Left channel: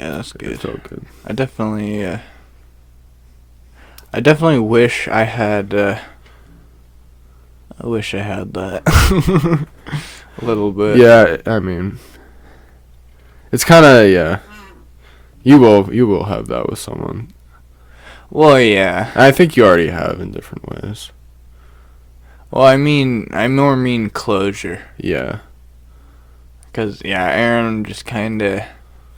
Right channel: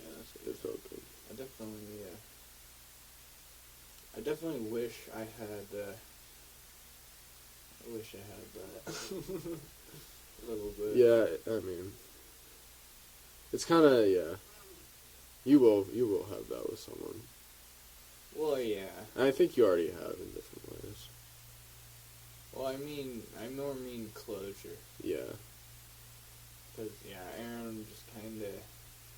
Yeah, that's good. It felt good. I definitely wish I had. I wish I had that. A little bit. Yeah, I mean, it's kind of, yeah. You will have that with someone. Well, yeah. I think you already have in different ways. Well, I more mean closure. Yeah. Cause yeah, Aaron just kind of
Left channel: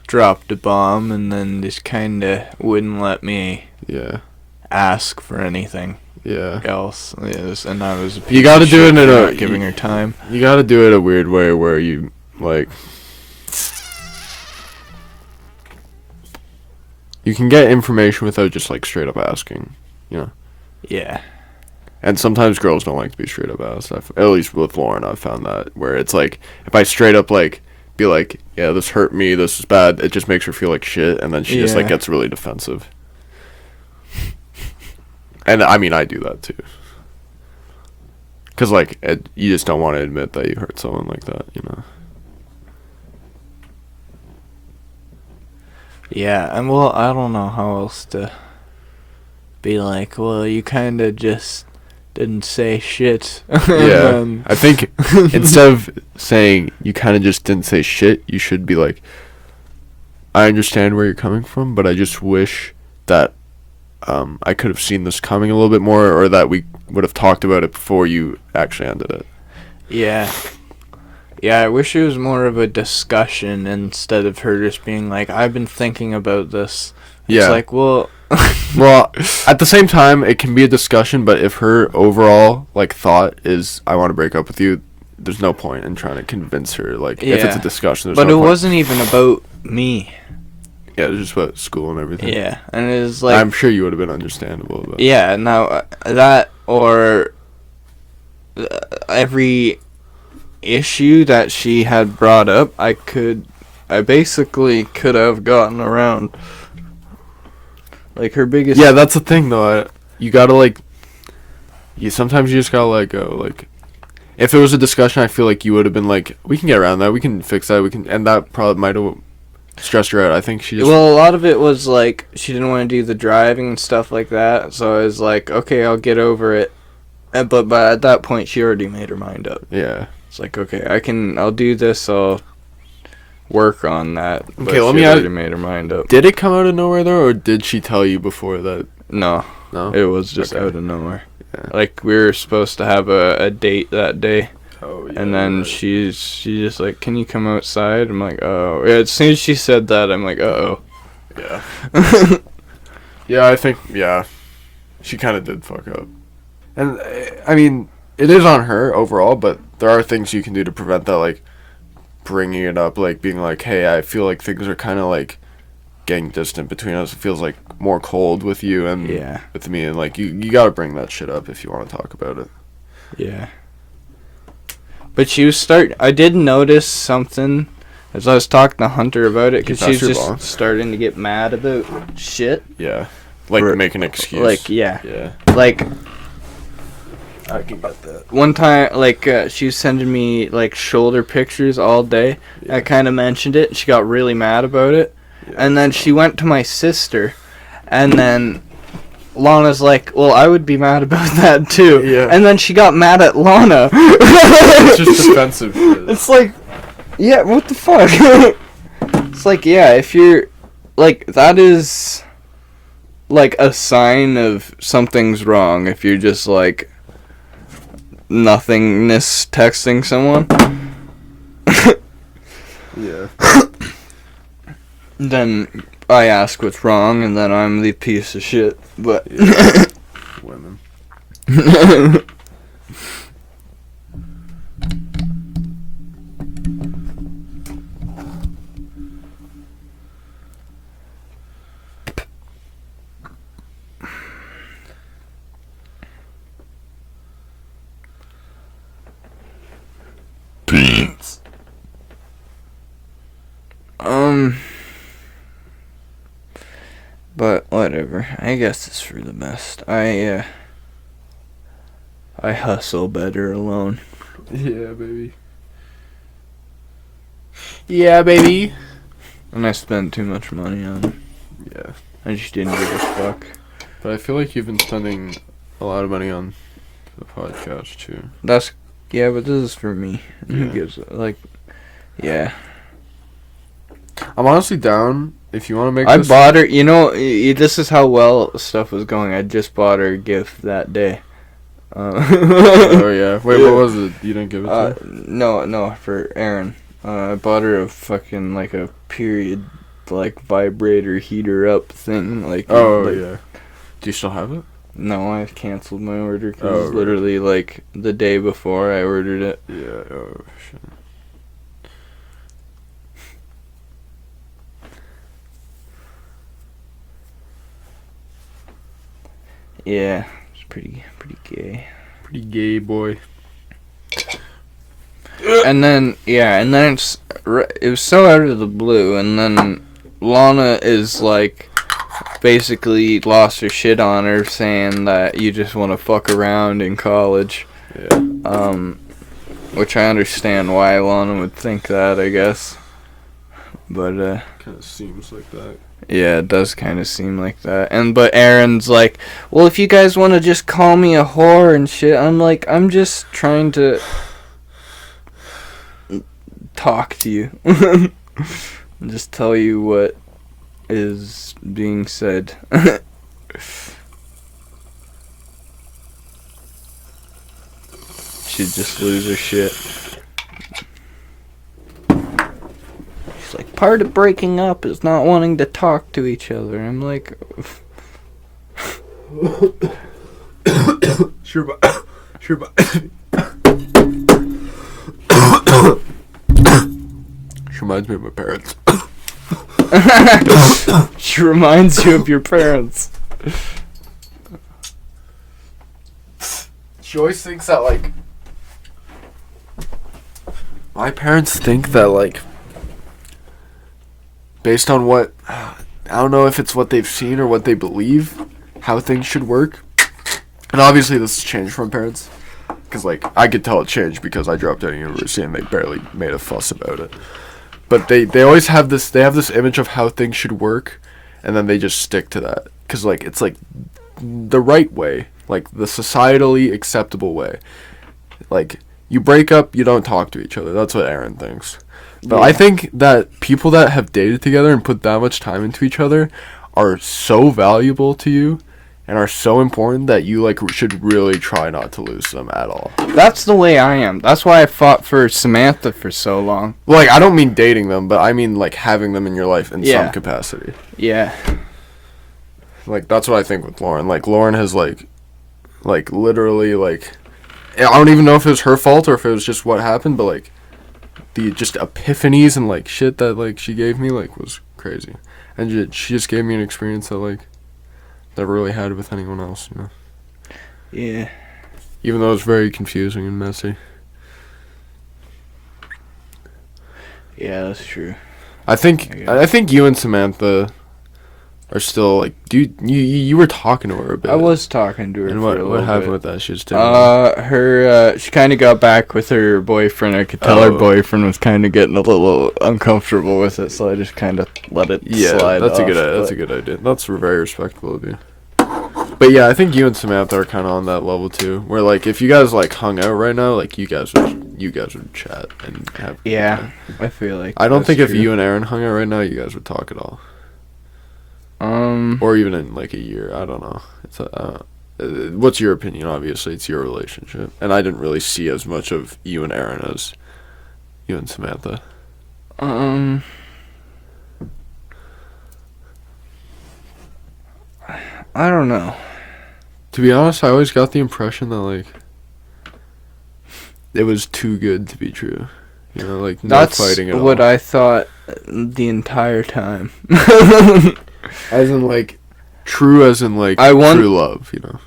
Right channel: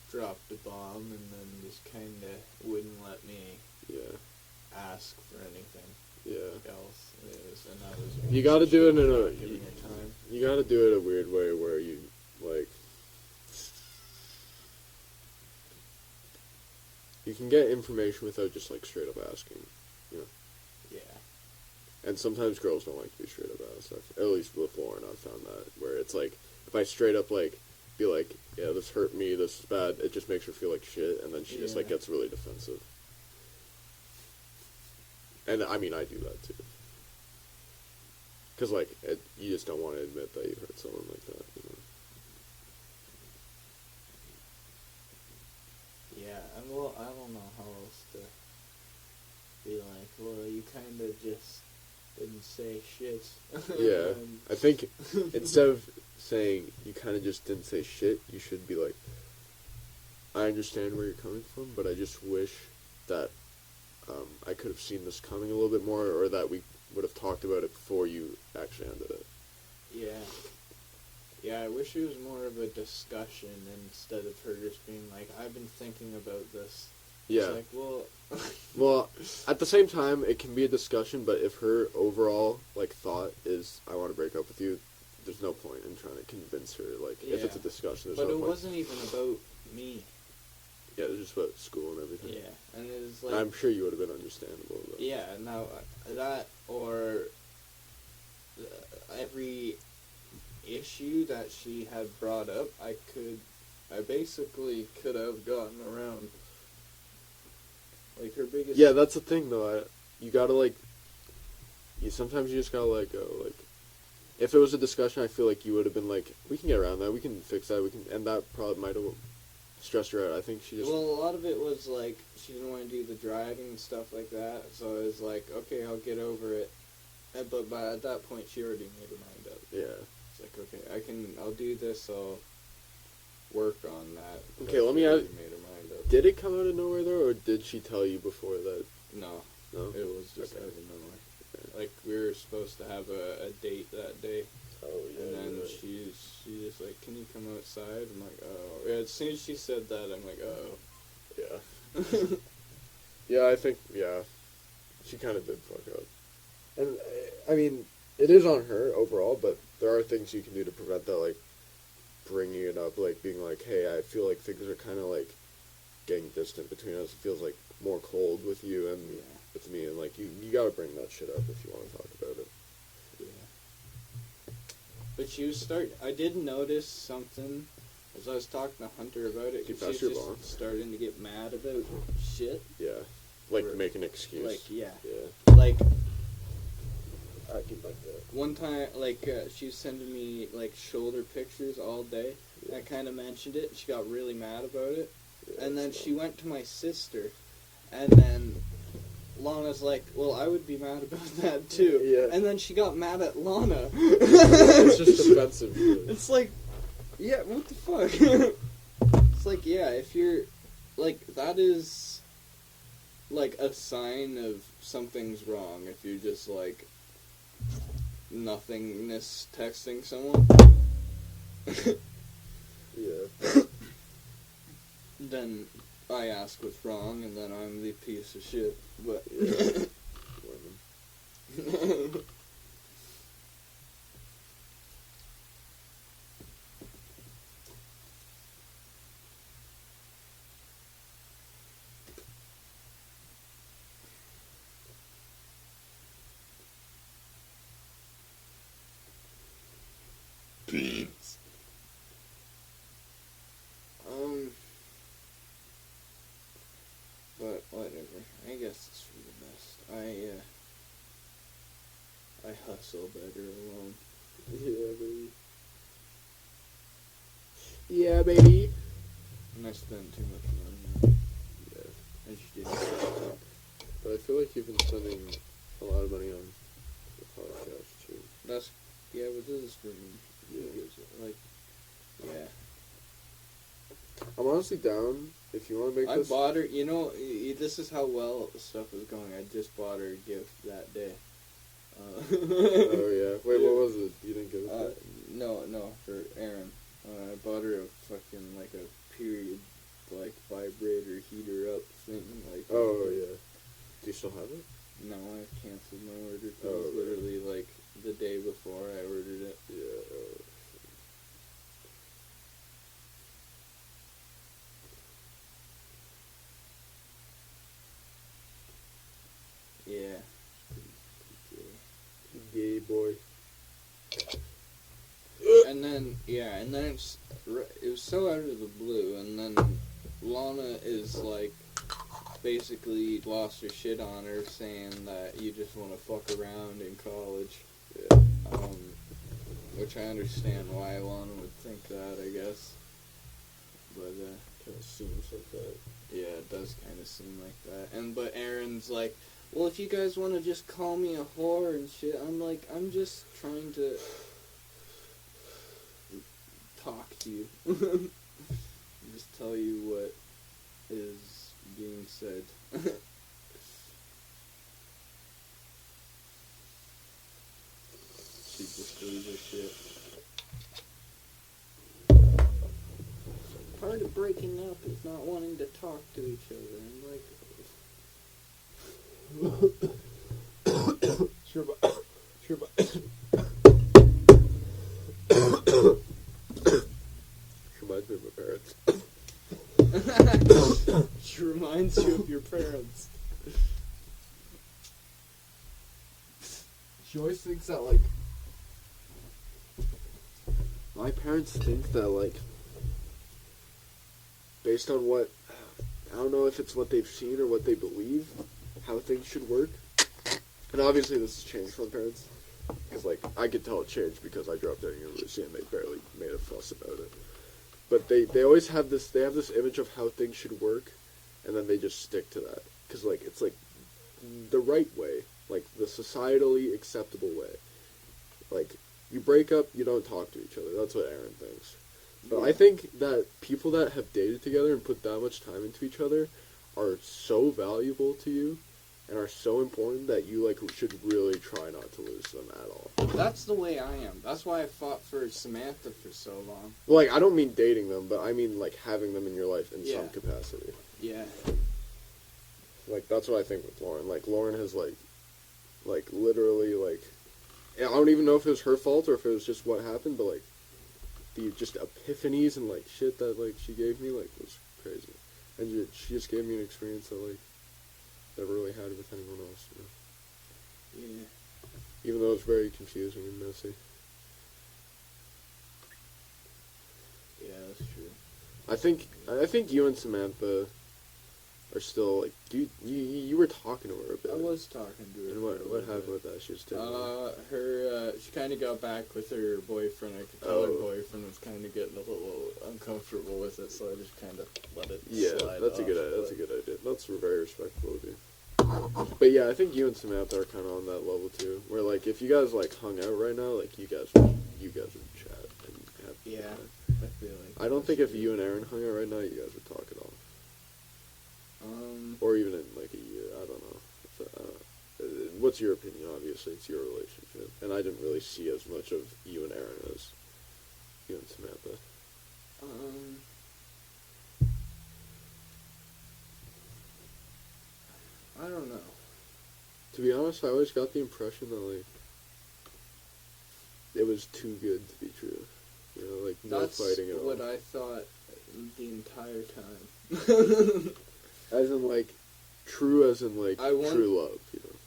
dropped a bomb and then just kind of wouldn't let me Yeah. ask for anything Yeah. else. Yes, and I was. You got to do it in not giving her time. You got to do it a weird way where you like. You can get information without just like straight up asking, you know. Yeah. And sometimes girls don't like to be straight up asked. At least with Lauren, I've found that where it's like if I straight up like be like, yeah, this hurt me, this is bad, it just makes her feel like shit, and then she just like gets really defensive. And I mean, I do that too. Cause like you just don't want to admit that you hurt someone like that, you know. Yeah, and well, I don't know how else to be like. Well, you kind of just didn't say shit. Yeah, I think instead of saying you kind of just didn't say shit, you should be like, I understand where you're coming from, but I just wish that I could have seen this coming a little bit more, or that we would have talked about it before you actually ended it. Yeah. Yeah, I wish it was more of a discussion instead of her just being like, I've been thinking about this. Yeah. It's like, well... Well, at the same time, it can be a discussion, but if her overall, like, thought is, I want to break up with you, there's no point in trying to convince her, like, if it's a discussion, there's but no it point. wasn't even about me. Yeah, it was just about school and everything. Yeah, and it was like... I'm sure you would have been understandable about it. Yeah, now, that, or every issue that she had brought up, I basically could have gotten around. Like, her biggest... Yeah, that's the thing, though. You gotta, like... sometimes you just gotta let go. Like, if it was a discussion, I feel like you would have been like, we can get around that, we can fix that, and that probably might have stressed her out. I think she just... Well, a lot of it was, like, she didn't want to do the driving and stuff like that, so I was like, okay, I'll get over it. But at that point, she already made her mind up. Yeah. It's like, okay, I'll do this, I'll work on that. But Okay, let she me already made her mind up. Did it come out of nowhere, though, or did she tell you before that? No. No? It was just Okay. out of nowhere. Yeah. Like, we were supposed to have a date that day. Oh, yeah. And then she's just like, can you come outside? I'm like, oh. Yeah, as soon as she said that, I'm like, uh-oh. Yeah. Yeah, I think, yeah. She kind of did fuck up. And, I mean, it is on her overall, but there are things you can do to prevent that, like, bringing it up, like, being like, hey, I feel like things are kind of, like, getting distant between us. It feels, like, more cold with you and with me, and, like, you gotta bring that shit up if you want to talk about it. Yeah. But I did notice something as I was talking to Hunter about it, because she's just starting to get mad about shit. Yeah. Like, make an excuse. Like, yeah. Yeah. Like, I can get that. One time, like, she was sending me, like, shoulder pictures all day. Yeah. I kind of mentioned it. She got really mad about it. Yeah. And then she went to my sister, and then Lana's like, well, I would be mad about that, too. Yeah. And then she got mad at Lana. It's just defensive shit. It's like, yeah, what the fuck? It's like, yeah, if you're, like, that is, like, a sign of something's wrong if you're just, like, nothingness texting someone. Yeah. Then I ask what's wrong, and then I'm the piece of shit. But yeah. Women. Beans. But whatever. I guess it's for the best. I hustle better alone. Yeah, baby. Yeah, baby. And I spent too much money on him. Yeah. I just didn't give a fuck. But I feel like you've been spending a lot of money on the podcast too. Yeah, but this is for me. Yeah. Who gives like, yeah. I'm honestly down if you want to make. I this bought her. You know, this is how well stuff was going. I just bought her a gift that day. Oh yeah. Wait, what was it? You didn't give it to her? No, for Aaron. I bought her a fucking like a period, like vibrator heater up thing. Like. Oh like, yeah. Do you still have it? No, I canceled my order because Oh, right. literally like the day before I ordered it. Yeah. Oh shit. Yeah, it's pretty gay. Pretty gay boy. And then it was so out of the blue, and then Lana is like basically lost her shit on her, saying that you just want to fuck around in college. Yeah. Which I understand why Lana would think that, I guess. But Kind of seems like that. yeah, it does kind of seem like that. But Aaron's like, well, if you guys want to just call me a whore and shit, I'm like, I'm just trying to talk to you. And just tell you what is being said. She'd just lose her shit. She's like, part of breaking up is not wanting to talk to each other. I'm like, Sure, but she reminds me of my parents. she reminds you of your parents. She always thinks that, like, my parents think that, like, based on what, I don't know if it's what they've seen or what they believe, how things should work. And obviously this has changed from parents. Because, like, I could tell it changed because I dropped out of university and they barely made a fuss about it. But they always have this image of how things should work, and then they just stick to that. Because, like, it's, like, the right way. Like, the societally acceptable way. Like, you break up, you don't talk to each other. That's what Aaron thinks. But Yeah. I think that people that have dated together and put that much time into each other are so valuable to you and are so important that you, like, should really try not to lose them at all. That's the way I am. That's why I fought for Samantha for so long. Like, I don't mean dating them, but I mean, like, having them in your life in Yeah. some capacity. Yeah. Like, that's what I think with Lauren. Like, Lauren has, like, literally, like, I don't even know if it was her fault or if it was just what happened, but, like, the just epiphanies and, like, shit that, like, she gave me, like, was crazy. And she just gave me an experience that, like, never really had with anyone else, you know? Yeah. Even though it's very confusing and messy. Yeah, that's true. I think you and Samantha are still, like, you were talking to her a bit. I was talking to her And for a little what happened bit. with that? She was taking She kind of got back with her boyfriend. I could tell her Oh. boyfriend was kind of getting a little uncomfortable with it, so I just kind of let it slide that's off, that's a but- good idea. That's very respectable of you. But yeah, I think you and Samantha are kind of on that level too. Where, like, if you guys, like, hung out right now, like, you guys would chat and have. Yeah, I feel like I don't that's think if true. you and Aaron hung out right now, you guys would talk at all. Or even in, like, a year. I don't know. It's what's your opinion? Obviously, it's your relationship, and I didn't really see as much of you and Aaron as you and Samantha. I don't know. To be honest, I always got the impression that, like, it was too good to be true. You know, like, no That's fighting at what all. I thought the entire time. As in, like, true as in, like, I want- true love, you know?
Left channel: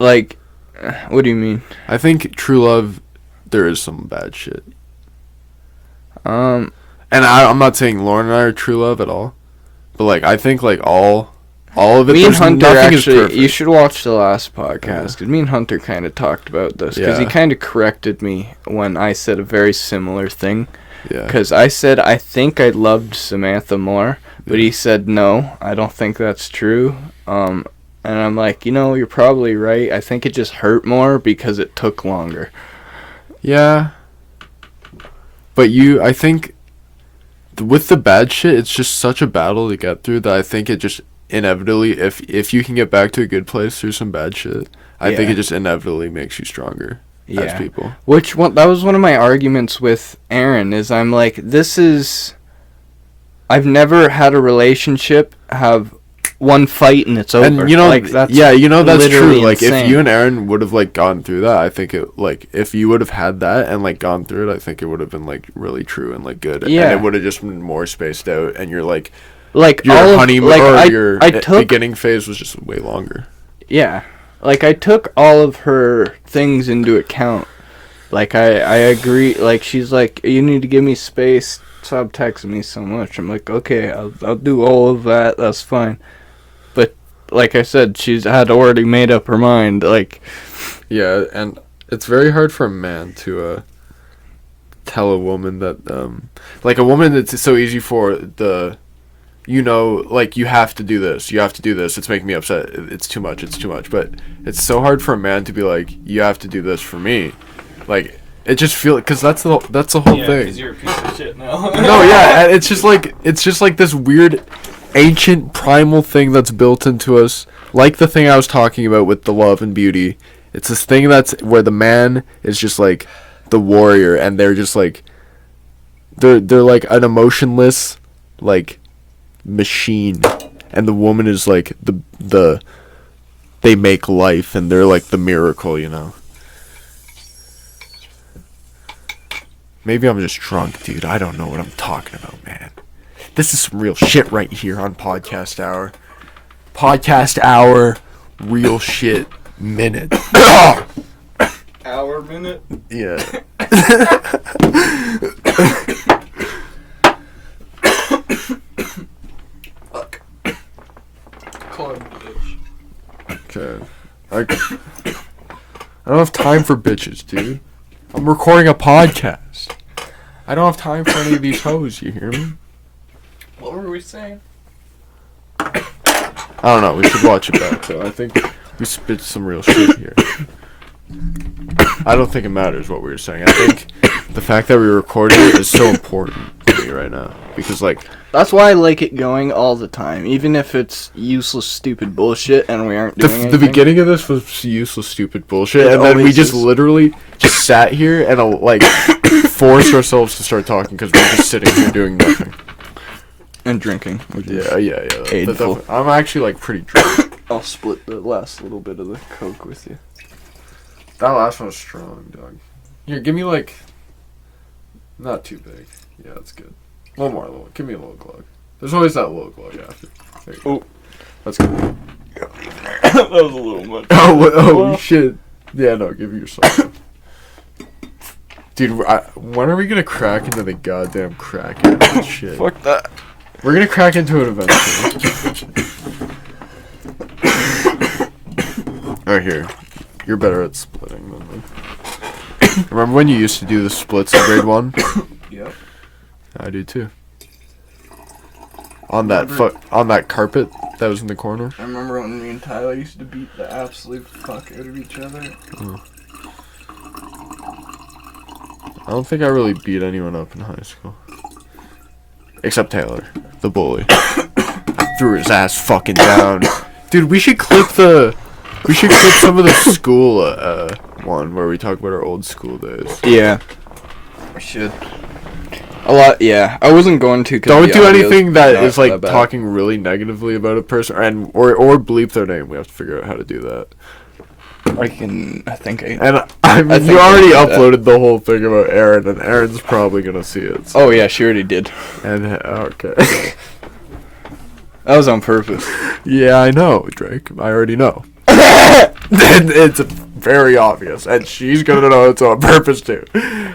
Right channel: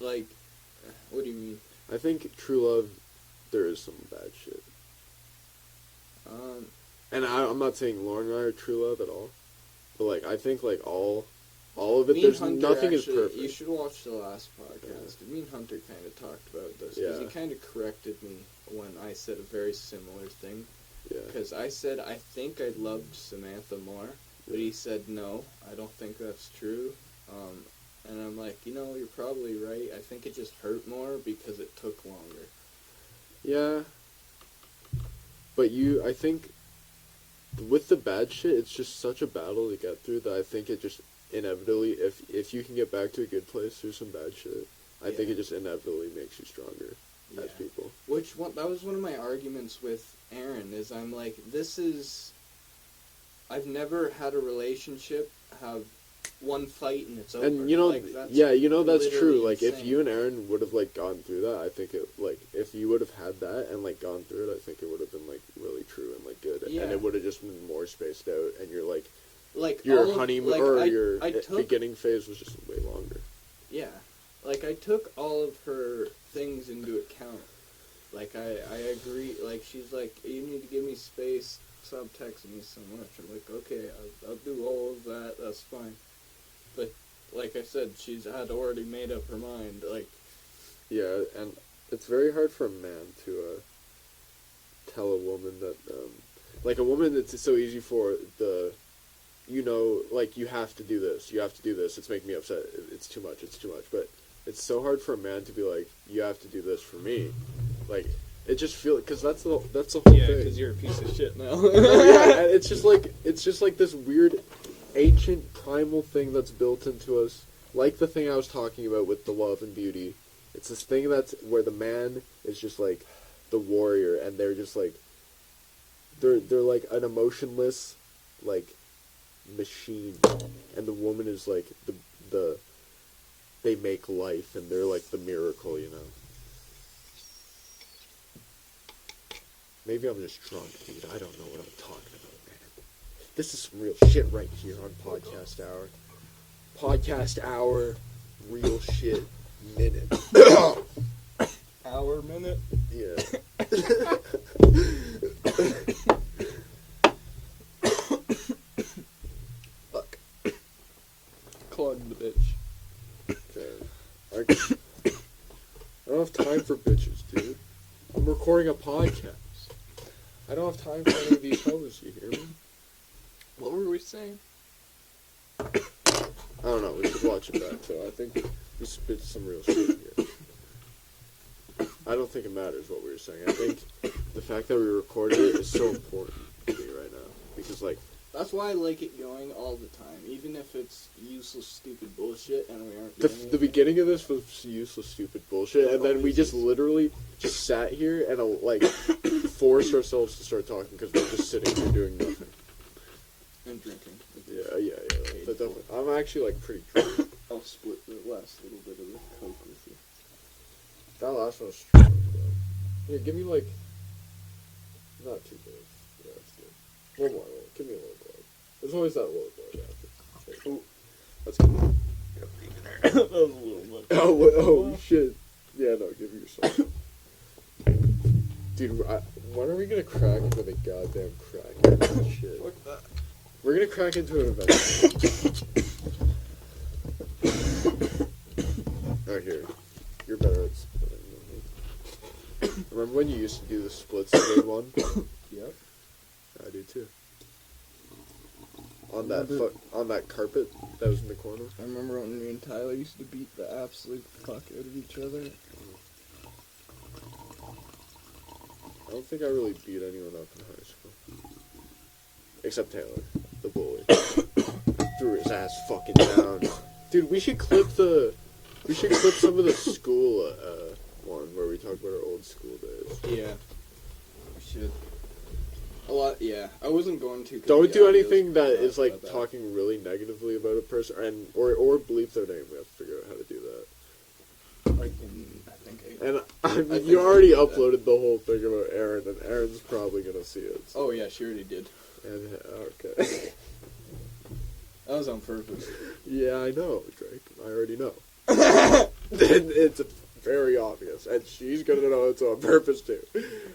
Like, what do you mean? I think true love, there is some bad shit. And I'm not saying Lauren and I are true love at all. But, like, I think, like, all of it, Me and there's Hunter nothing is actually, perfect. you should watch the last podcast, Yeah. because me and Hunter kind of talked about this, because he Yeah. kind of corrected me when I said a very similar thing, Yeah. Because I said I think I loved Samantha more, but he said no, I don't think that's true. And I'm like, you're probably right. I think it just hurt more because it took longer. Yeah. But I think with the bad shit, it's just such a battle to get through that I think it just inevitably, if you can get back to a good place through some bad shit, I think it just inevitably makes you stronger as people. That was one of my arguments with Aaron, is I'm like, I've never had a relationship have one fight and it's over. And that's that's true. Like if you and Aaron would have like gone through that, I think it if you would have had that and like gone through it, I think it would have been like really true and like good. Yeah. And it would have just been more spaced out, and you're like your honeymoon or your beginning phase was just way longer. Yeah. Like I took all of her things into account. Like I agree. Like she's like, you need to give me space. Stop texting me so much. I'm like, okay, I'll do all of that. That's fine. But like I said, she's had already made up her mind. Like, yeah, and it's very hard for a man to tell a woman that like a woman, it's so easy for like you have to do this. You have to do this. It's making me upset. It's too much. It's too much. But it's so hard for a man to be like, you have to do this for me. Like it just feels, because that's the whole thing. Yeah, because you're a piece of shit now. No, yeah, and it's just like this weird, ancient, primal thing that's built into us. Like the thing I was talking about with the love and beauty. It's this thing that's where the man is just like the warrior, and they're just like they're like an emotionless like machine, and the woman is like the they make life, and they're like the miracle, Maybe I'm just drunk, dude. I don't know what I'm talking about, man. This is some real shit right here on Podcast Hour. Podcast Hour, real shit minute. Hour minute? Yeah. Fuck. Club bitch. Okay. I don't have time for bitches, dude. I'm recording a podcast. I don't have time for any of these hoes, you hear me? What were we saying? I don't know, we should watch it back, though. I think we spit some real shit here. I don't think it matters what we were saying. I think the fact that we're recording it is so important to me right now. Because, like... That's why I like it going all the time, even if it's useless, stupid bullshit and we aren't doing anything. The beginning of this was useless, stupid bullshit, and then we just literally just sat here and, like, forced ourselves to start talking because we're just sitting here doing nothing. And drinking. Yeah. Aidful. I'm actually, like, pretty drunk. I'll split the last little bit of the Coke with you. That last one was strong, dog. Here, give me, like... Not too big. Yeah, that's good. One more. Give me a little glug. There's always that little glug after. There you go. Oh. That's good. That was a little much. Oh, shit. Yeah, no, give it yourself. Dude, when are we gonna crack into the goddamn crack into shit? Fuck that. We're gonna crack into it eventually. Right here. You're better at splitting than me. Remember when you used to do the splits in grade 1? Yep. I do too. On that carpet that was in the corner. I remember when me and Tyler used to beat the absolute fuck out of each other. Oh. I don't think I really beat anyone up in high school. Except Taylor, the bully. I threw his ass fucking down. Dude, we should clip some of the school one where we talk about our old school days. Yeah. We should. A lot, yeah. I wasn't going to. Don't do anything that is like talking really negatively about a person, or bleep their name. We have to figure out how to do that. I mean, you already uploaded the whole thing about Aaron, and Aaron's probably gonna see it. So. Oh yeah, she already did. And okay. That was on purpose. Yeah, I know, Drake. I already know. It's very obvious, and she's gonna know it's on purpose too.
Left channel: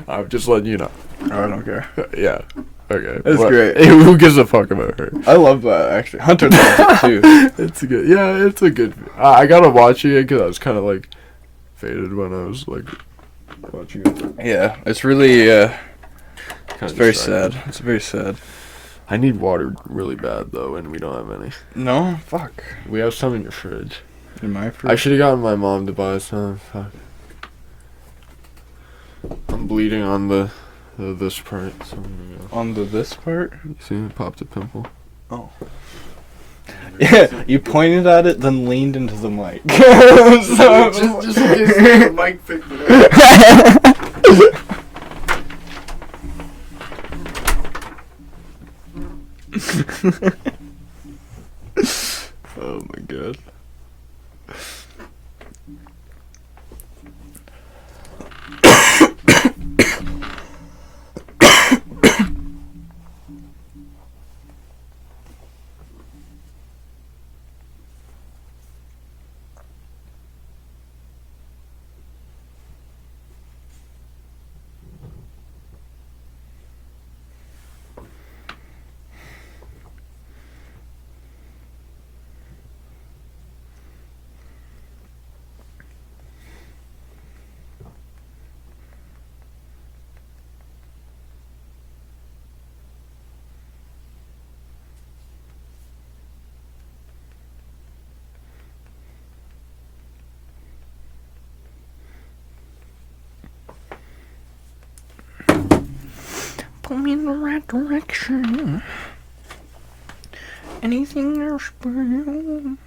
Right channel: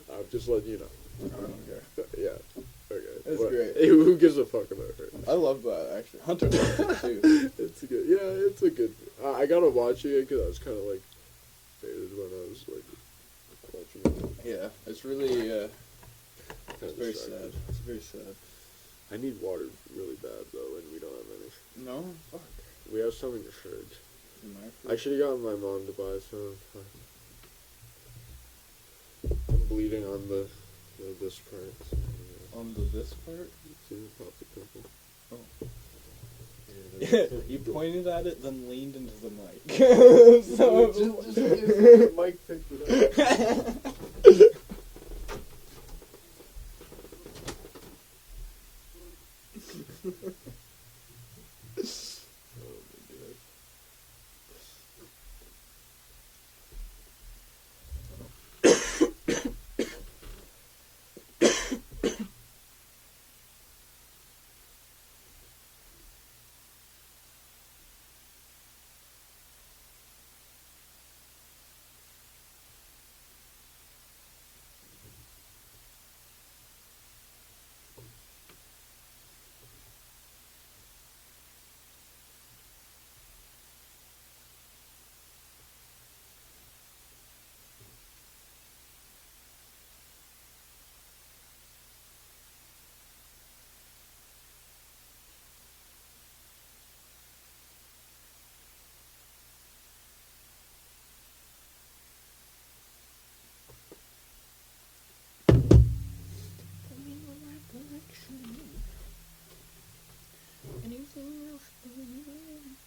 I'm just letting you know. Oh, I don't care. Yeah. Okay. That's great. Who gives a fuck about her? I love that, actually. Hunter loves it, too. It's a good... Yeah, it's a good... I gotta watch it because I was kind of, like, faded when I was, like, watching it. Yeah, it's really, It's very sad. It's very sad. I need water really bad though, and we don't have any. No, fuck. We have some in your fridge. In my fridge. I should have gotten my mom to buy some. Fuck. I'm bleeding on this part. So I'm gonna go. On this part. See, it popped a pimple. Oh. Yeah, you pointed at it, then leaned into the mic. just in case the mic picked it up. Oh my god. Put me in the right direction. Anything else but you.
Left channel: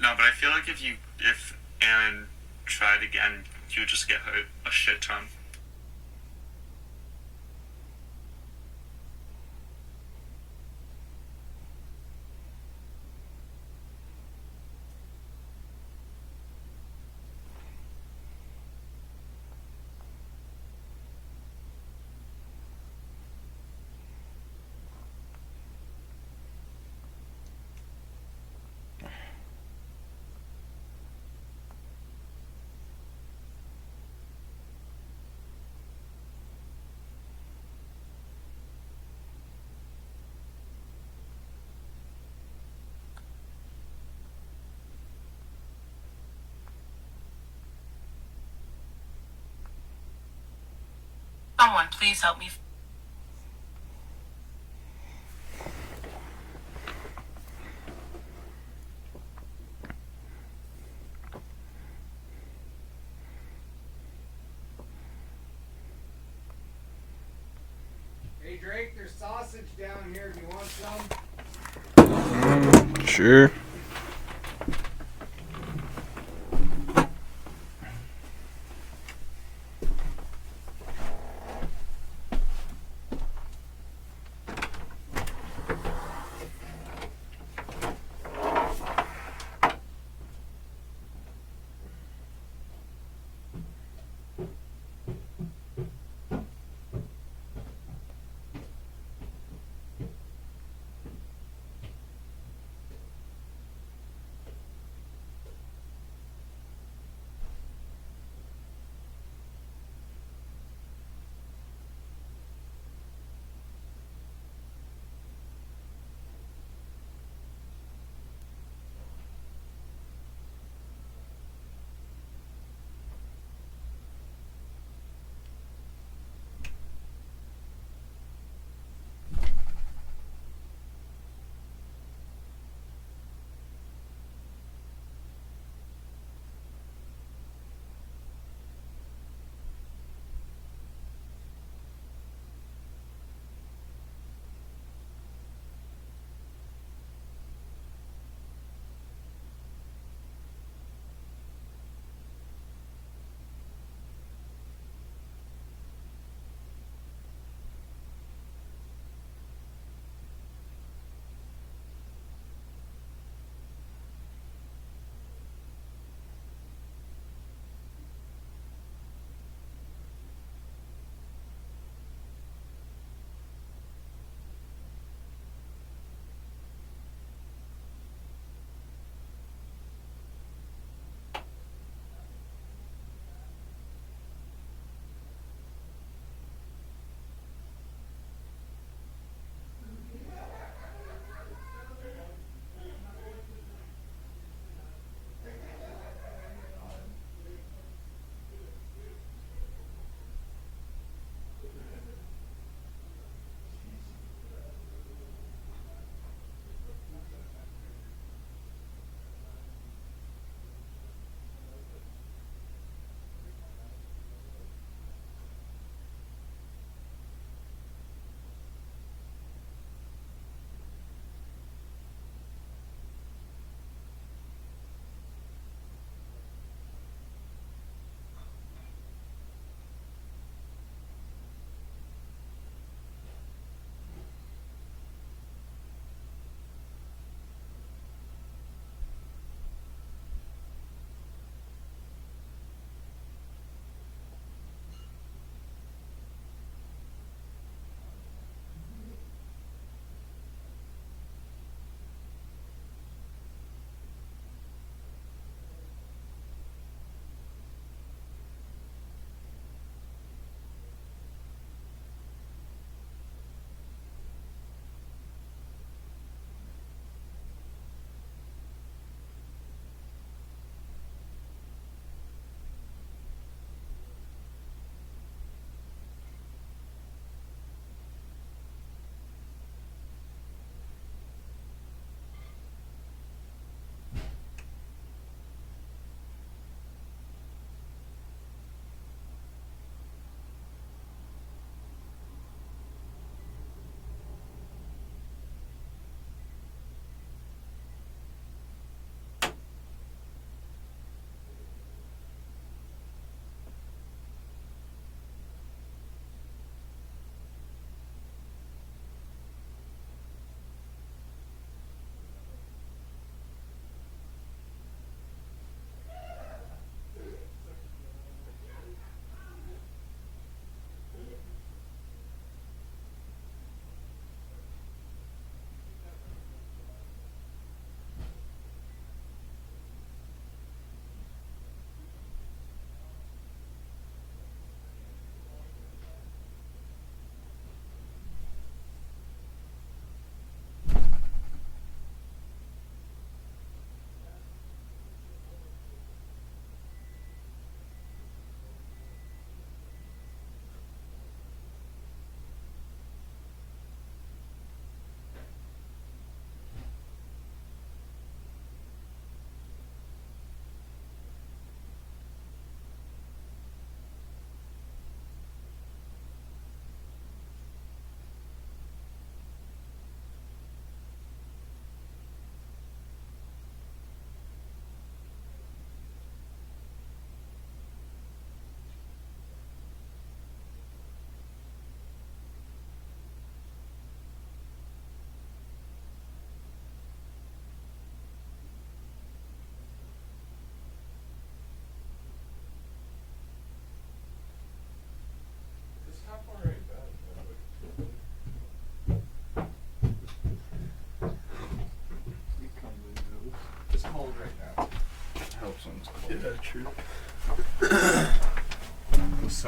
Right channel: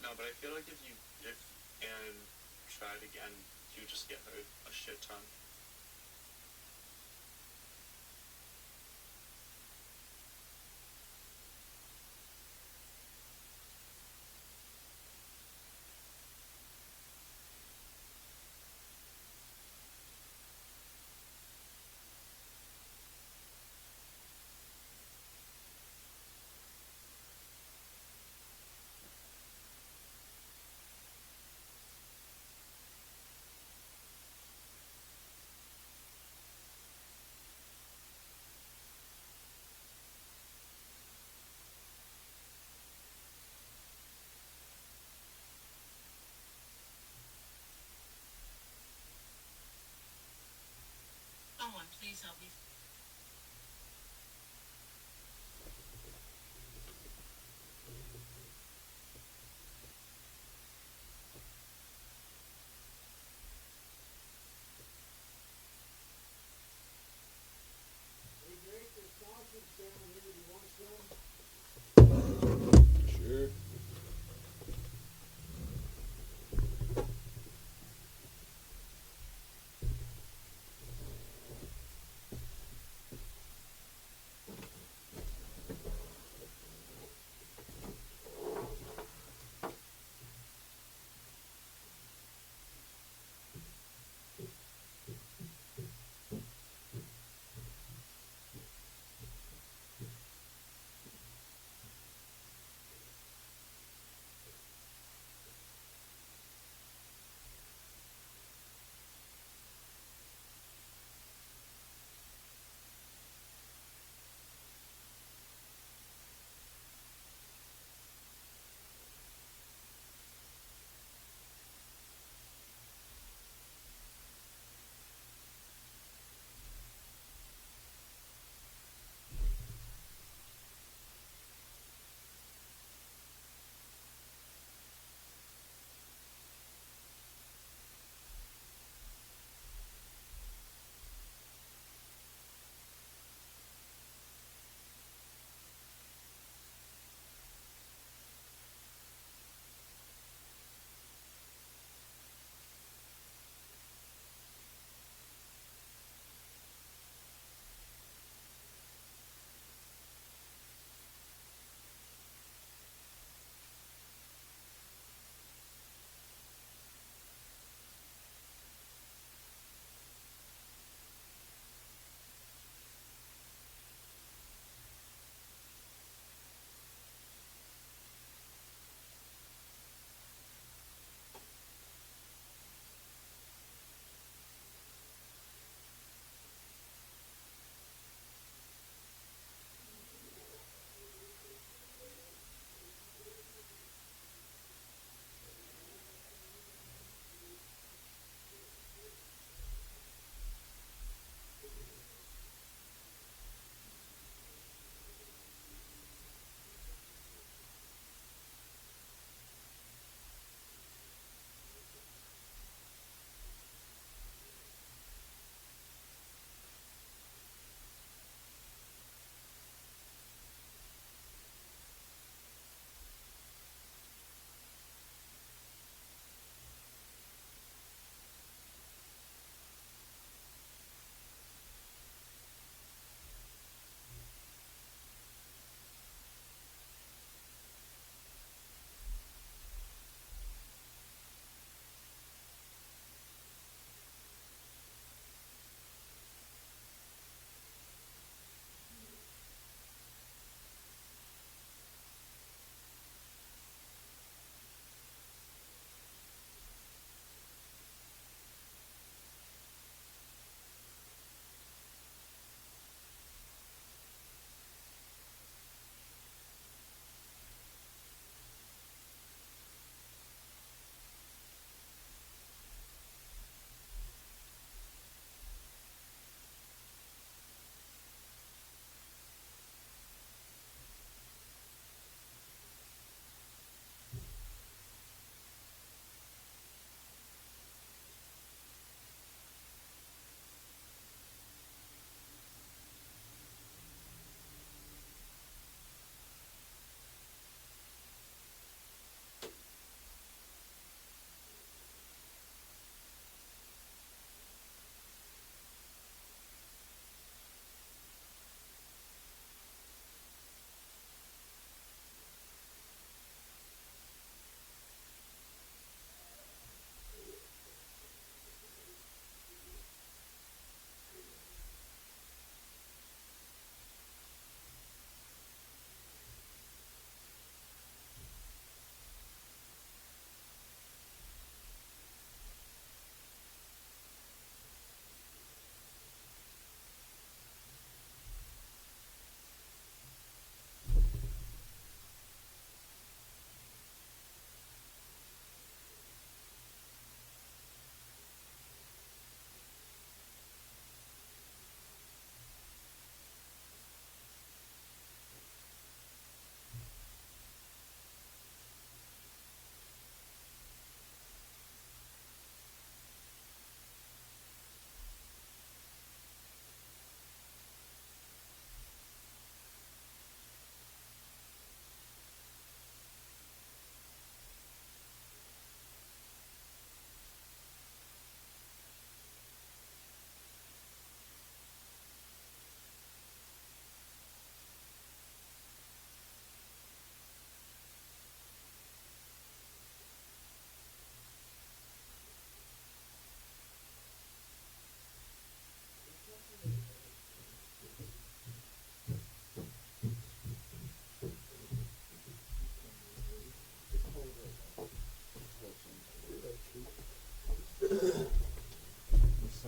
No, but I feel like if Aaron tried again, you would just get hurt a shit ton. Someone, please help me. Hey Drake, there's sausage down here. Do you want some? Sure.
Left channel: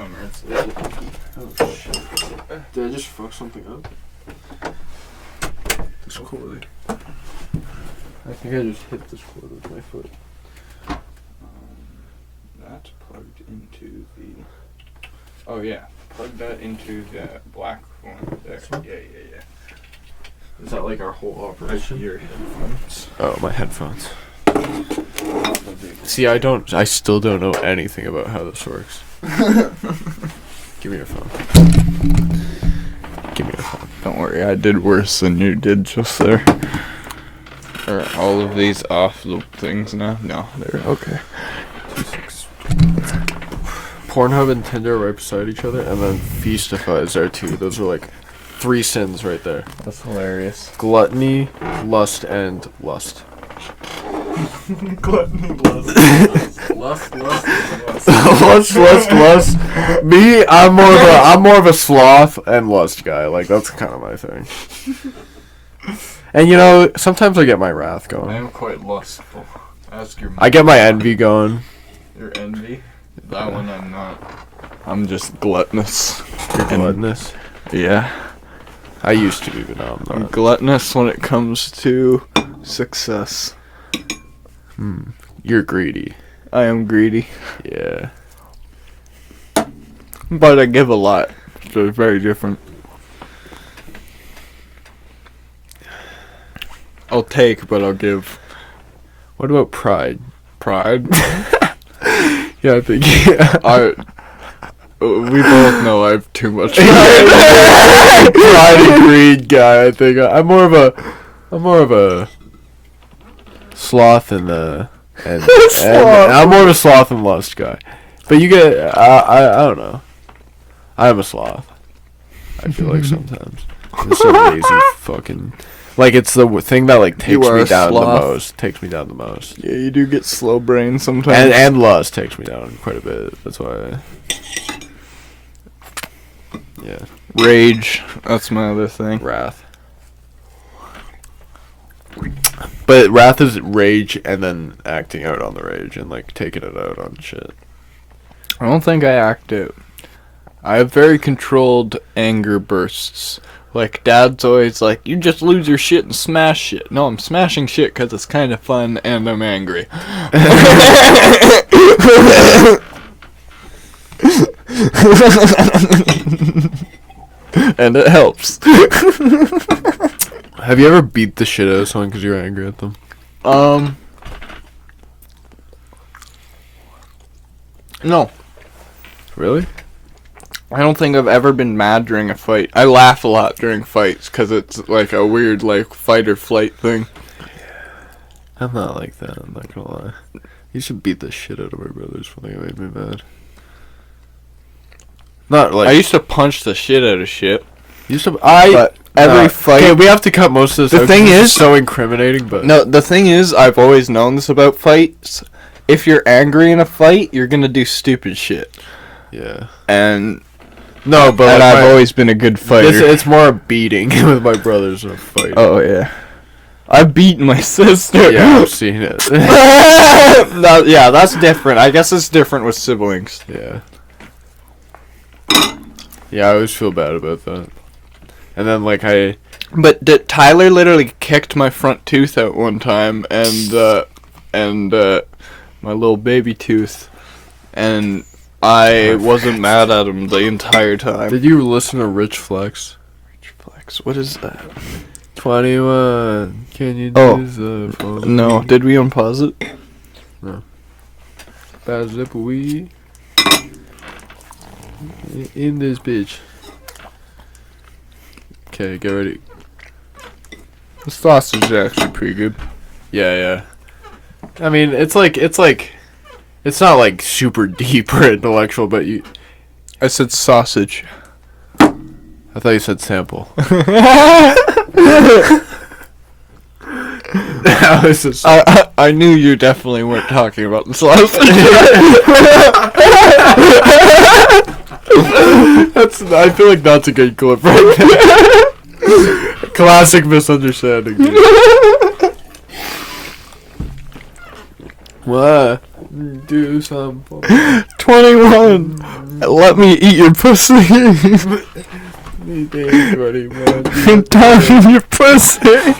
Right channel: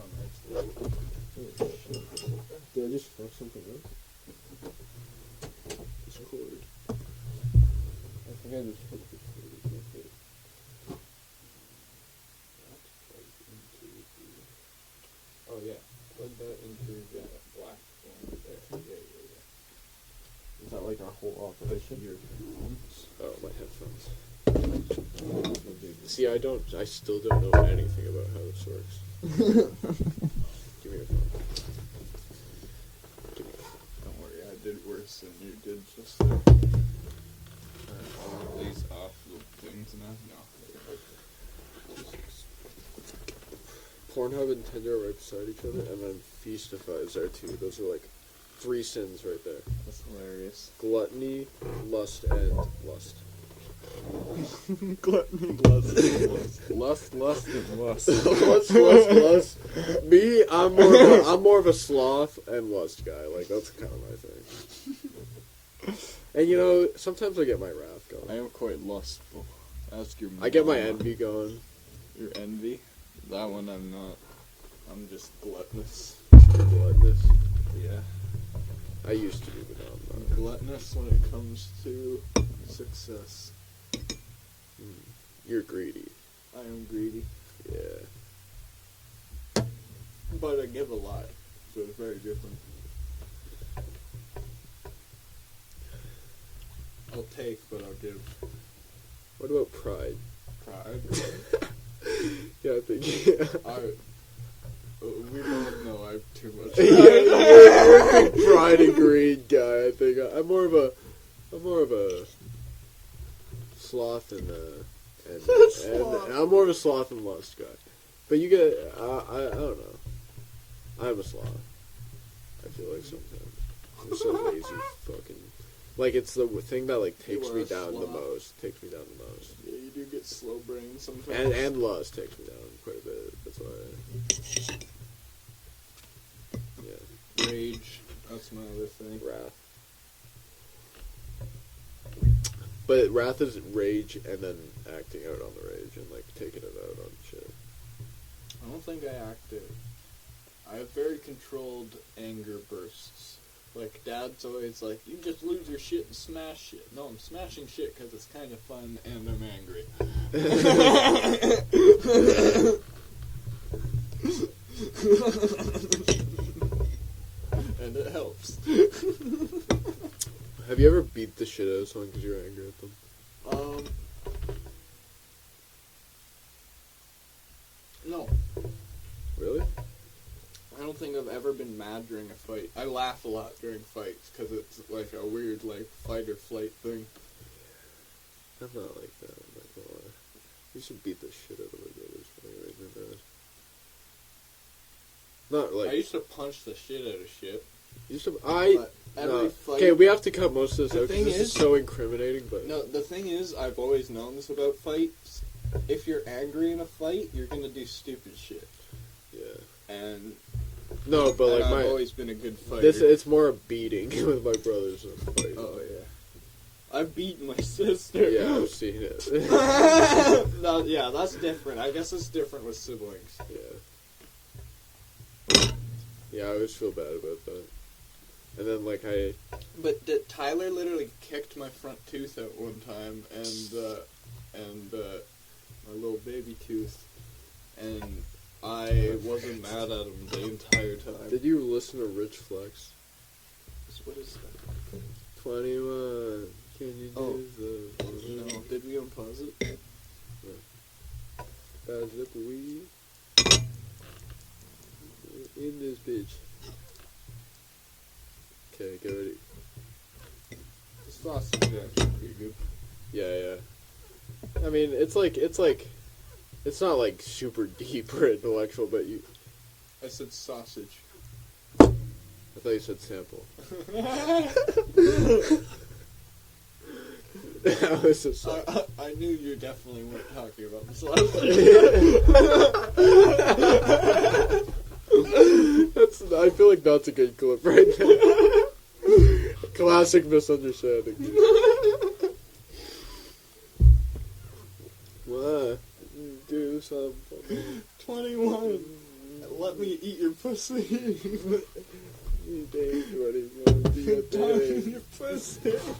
summer. Oh shit. Did I just fuck something up? This cord. I think I just hit this cord with my foot. That's plugged into the. Oh yeah, plug that into the black one there. Yeah. Is that like our whole operation? Your headphones. Oh, my headphones. See, I still don't know anything about how this works. Give me your phone. Give me your phone. Don't worry, I did worse than you did just there. Are all of these off the things now? No, they're okay. Pornhub and Tinder are right beside each other, and then Feastify is there too. Those are like 3 sins right there. That's hilarious. Gluttony, lust, and lust. Gluttony, lust. lust. Me, I'm more of a sloth and lust guy. Like, that's kind of my thing. And you know, sometimes I get my wrath I going. am quite lustful. Ask your. I get my envy going. Your envy. That one I'm not. I'm just gluttonous. You're gluttonous. Yeah. I used to be, but now I'm I'm not. gluttonous when it comes to success. You're greedy. I am greedy, Yeah. but I give a lot. So it's very different. I'll take, but I'll give. What about pride? Pride. Yeah, I think. Yeah. We both know I have too much. Pride and greed guy. I think I'm more of a sloth and I'm more of a sloth and lust guy. But you get I don't know. I'm a sloth. I feel like sometimes I'm so lazy fucking. Like, it's the thing that like takes are me a down the sloth. most. Takes me down the most. Yeah, you do get slow brain sometimes. And lust takes me down quite a bit. That's why. Yeah. Rage. That's my other thing. Wrath. But wrath is rage and then acting out on the rage and like taking it out on shit. I don't think I act out. I have very controlled anger bursts. Like, Dad's always like, you just lose your shit and smash shit. No, I'm smashing shit because it's kind of fun and I'm angry. And it helps. Have you ever beat the shit out of someone because you're angry at them? No. Really? I don't think I've ever been mad during a fight. I laugh a lot during fights because it's like a weird, like, fight or flight thing. I'm not like that, I'm not gonna lie. You should beat the shit out of my brothers for they made me mad. Not like I used to punch the shit out of shit. but Every fight. Okay, we have to cut most of this The out thing 'cause is- it's so incriminating, but No, the thing is, I've always known this about fights. If you're angry in a fight, you're gonna do stupid shit. yeah. And No, but and like I've always been a good fighter. it's more a beating with my brothers than a fight. Oh yeah, I've beaten my sister. Yeah, I've seen it. Yeah, that's different. I guess it's different with siblings. Yeah. Yeah, I always feel bad about that. And then like But Tyler literally kicked my front tooth out one time, and my little baby tooth, and I wasn't mad at him the entire time. did you listen to Rich Flex? Flex, what is that? 21. Can you Oh. do the phone? No, did we unpause it? Bad zip we in this bitch. Okay, get ready. The sausage is actually pretty good. Yeah. I mean, it's not like super deep or intellectual, but I said sausage. I thought you said sample. That was just I knew you definitely weren't talking about the sausage. I feel like that's a good clip right there. Classic misunderstanding. Dude. What? Do something. 21. Let me eat your pussy. I'm touching your pussy.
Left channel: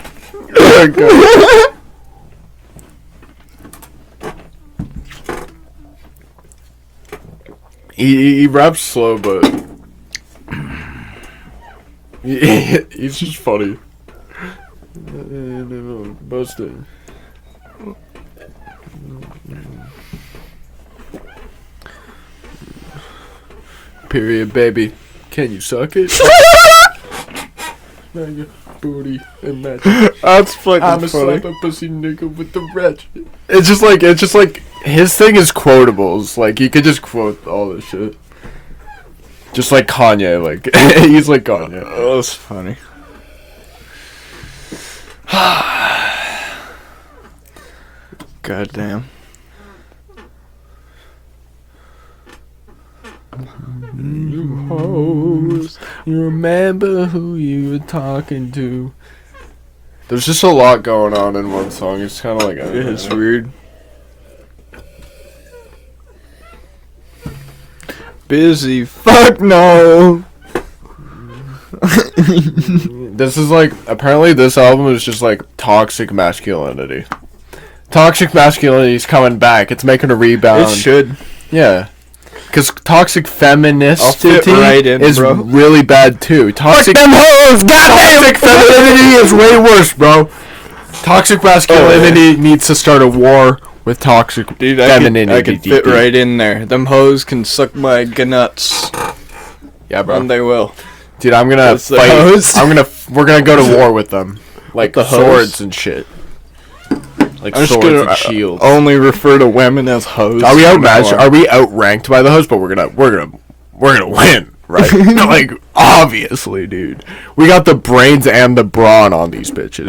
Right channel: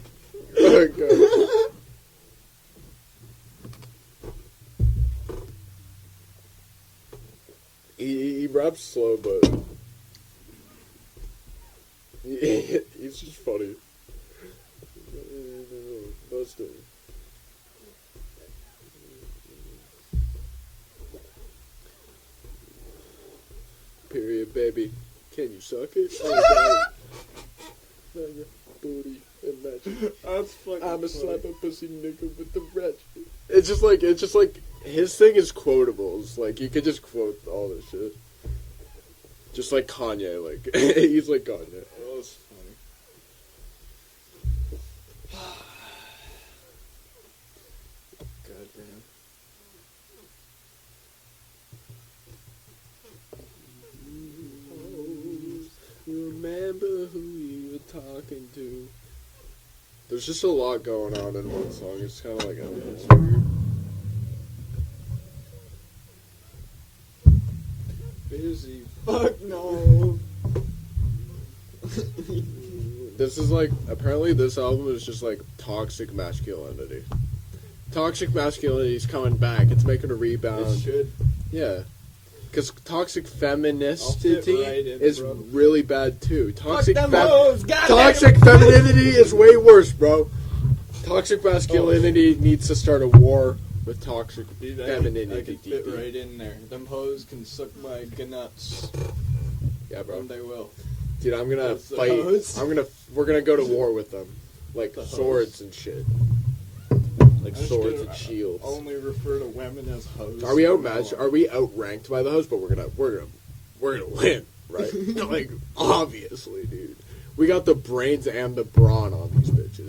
He raps slow, but he's just funny. Busted. Period, baby. Can you suck it? Smack your booty and match it. That's fucking I'm a slap a pussy nigga with the ratchet. It's just like his thing is quotables. Like he could just quote all this shit. Just like Kanye, like he's like Kanye. Oh, that's funny. God damn. You hoes, you remember who you were talking to. There's just a lot going on in one song. It's kind of like It's weird. Busy. Fuck no. This is like, apparently this album is just like toxic masculinity. Toxic masculinity is coming back. It's making a rebound. It should. Yeah. Because toxic I'll feministity fit right in, is bro. really bad too. Toxic hoes. Toxic femininity is way worse, bro. Toxic masculinity needs to start a war with toxic Dude, femininity. I could fit right in there. Them hoes can suck my gnuts. Yeah, bro. And they will. Dude, I'm gonna That's the fight. hoes. We're gonna go to war with them, like the hoes? swords and shit. Like I'm just swords gonna and shields. only refer to women as hoes. Are we from now outmatched? on. Are we outranked by the host? But we're gonna win, right? Like obviously, dude. We got the brains and the brawn on these bitches.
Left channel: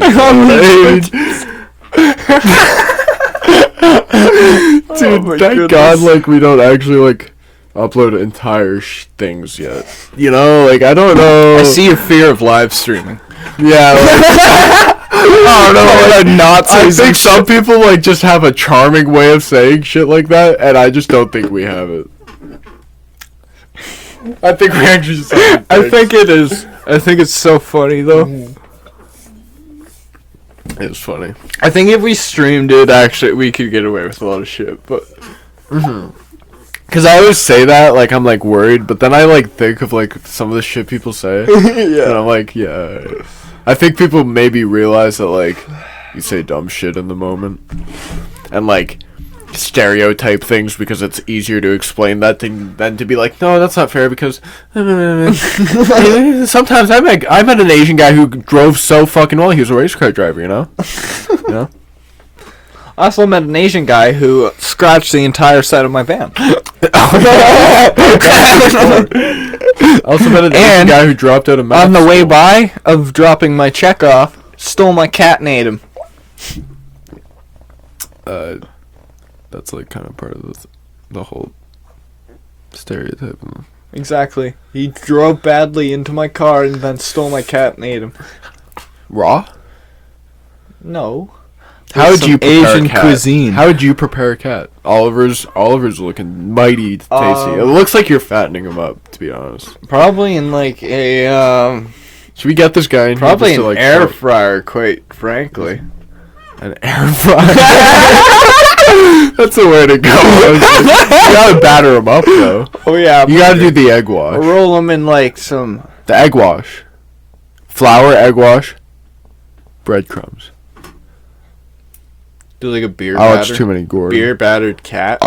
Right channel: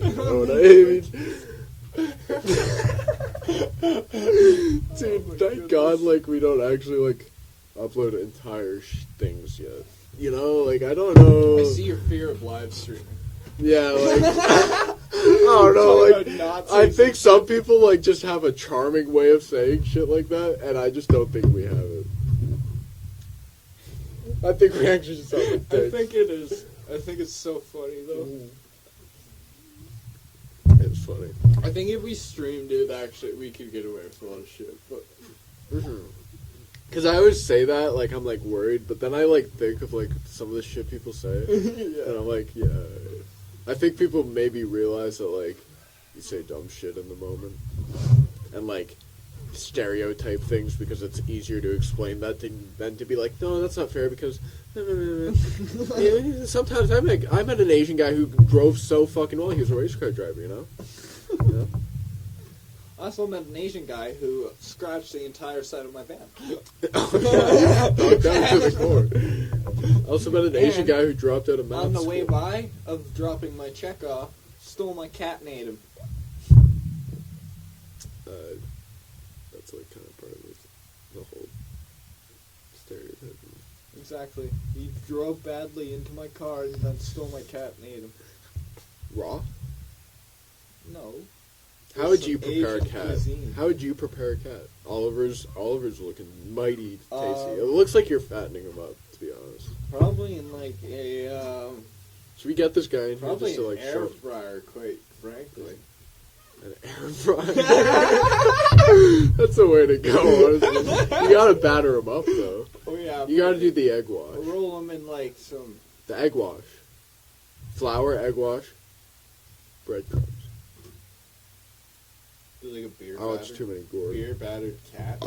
Dude, my thank goodness. God, like we don't actually like upload entire things yet. You know, like I don't know. I see your fear of live streaming. Yeah. Like, I don't know. Like, Nazis I think and some people like just have a charming way of saying shit like that, and I just don't think we have it. I think we actually just have I think it is. I think it's so funny though. it's funny. I think if we streamed it, actually, we could get away with a lot of shit. But Cause I always say that, like I'm like worried, but then I like think of like some of the shit people say, and I'm like, yeah. I think people maybe realize that like you say dumb shit in the moment, and like stereotype things because it's easier to explain that thing than to be like, no, that's not fair because sometimes I met an Asian guy who drove so fucking well. He was a race car driver, you know. You know? I also met an Asian guy who scratched the entire side of my van. I also met an Asian And guy who dropped out of math On the way school. by of dropping my check off, stole my cat and ate him. That's like kind of part of the whole stereotype. Exactly. He drove badly into my car and then stole my cat and ate him. Raw? No. How would Some you prepare Asian a cat? cuisine. How would you prepare a cat? Oliver's looking mighty tasty. It looks like you're fattening him up, to be honest. Probably in like a Should we get this guy in probably here an just to, like, air throw- fryer, quite frankly. an air fryer? That's the way to go. You gotta batter him up though. Oh yeah. You gotta do the egg wash. roll them in like some. The egg wash. Flour, egg wash, breadcrumbs. Do like a beer I batter. watch too many Gordon. Beer battered cat.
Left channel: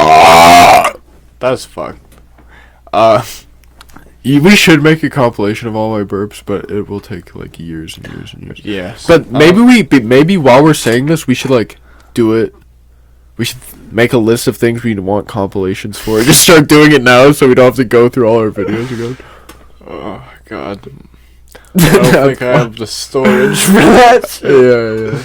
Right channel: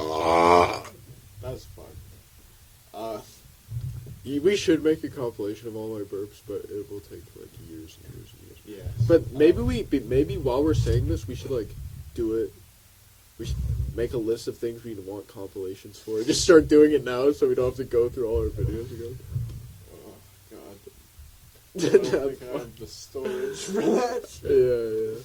That's fucked. We should make a compilation of all my burps, but it will take like years and years and years. Yes. But maybe maybe while we're saying this, we should like do it. We should make a list of things we want compilations for. Just start doing it now, so we don't have to go through all our videos again. Oh god. I don't think I have the storage for that. Yeah.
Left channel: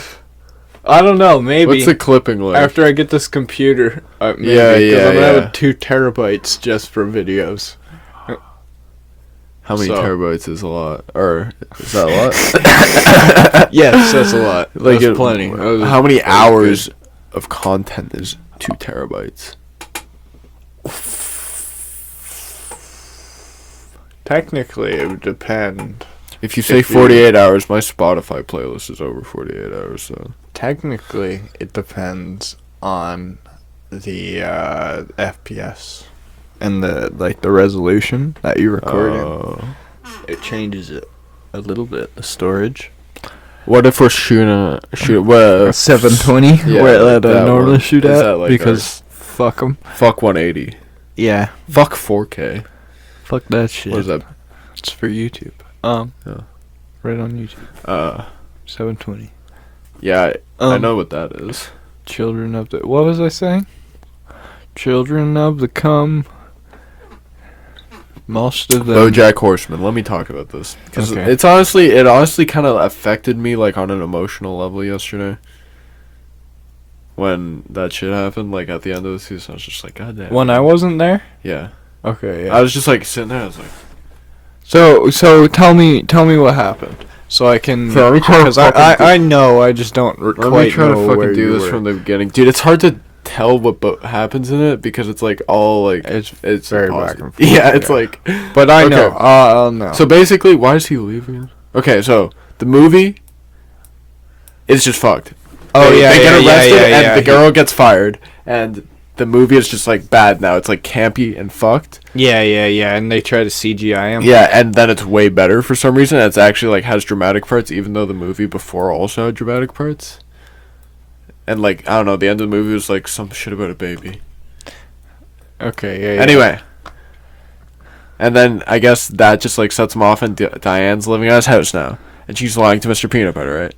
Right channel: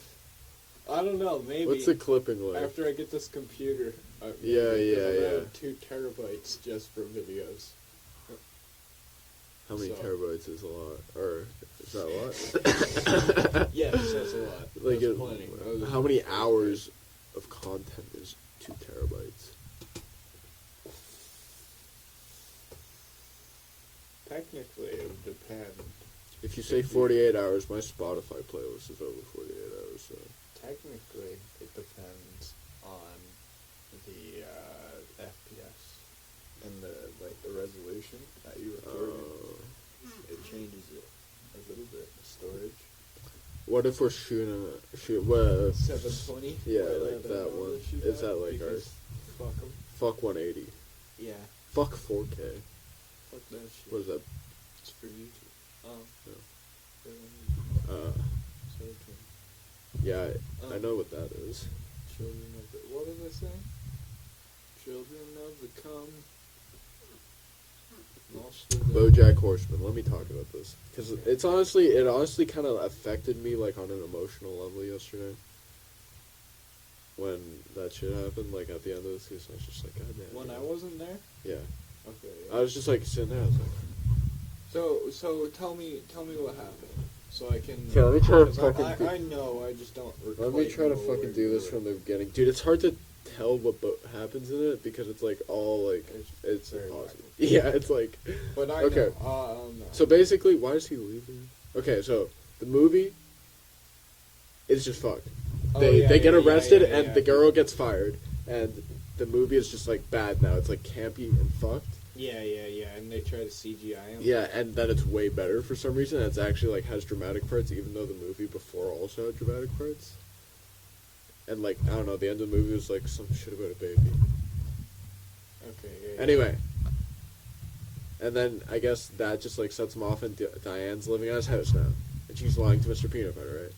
I don't know. Maybe What's the clipping like? after I get this computer. Maybe, Yeah, 'cause yeah, I'm gonna yeah. have 2 terabytes just for videos. How many so- terabytes is a lot? Or is that a lot? Yes, that's a lot. Like That's plenty. That was How many very hours of content is 2 terabytes. Technically, it would depend. If you say If you- 48 hours, my Spotify playlist is over 48 hours, so. Technically, it depends on the FPS and the resolution that you record in. Oh. It changes it a little bit. The storage. What if we're shooting well, 720, Yeah, where I that normally one. shoot Is at, that like because fuck them. fuck 180. Yeah, Fuck 4K. fuck that shit. What is that? It's for YouTube. Oh. Right on YouTube. 720. Yeah, I Um, know what that is. Children of the. What was I saying? Children of the cum. Most of them. BoJack Horseman. Let me talk about this because Okay. it honestly kind of affected me like on an emotional level yesterday. When that shit happened, like at the end of the season, I was just like, God damn. When I wasn't there. Yeah. Okay. Yeah. I was just like sitting there. I was like, So tell me what happened, so I can. So let me try to Because fucking I know, I just don't let quite me try know to fucking where do you this were. from the beginning, dude. It's hard to tell what happens in it because it's like all like It's very very back impossible. and forth, Yeah, it's yeah. like. But I Okay. know. I'll know. So basically, why is he leaving? Okay, so the movie is just fucked. Oh, They yeah, get yeah, arrested yeah, and yeah, the he- girl gets fired, and the movie is just like bad now. It's like campy and fucked. yeah, and they try to CGI him. Yeah, and then it's way better for some reason. It's actually like has dramatic parts, even though the movie before also had dramatic parts. And like I don't know, the end of the movie was like some shit about a baby. Okay. Yeah. Anyway. And then I guess that just like sets him off, and Diane's living at his house now, and she's lying to Mr. Peanut Butter, right?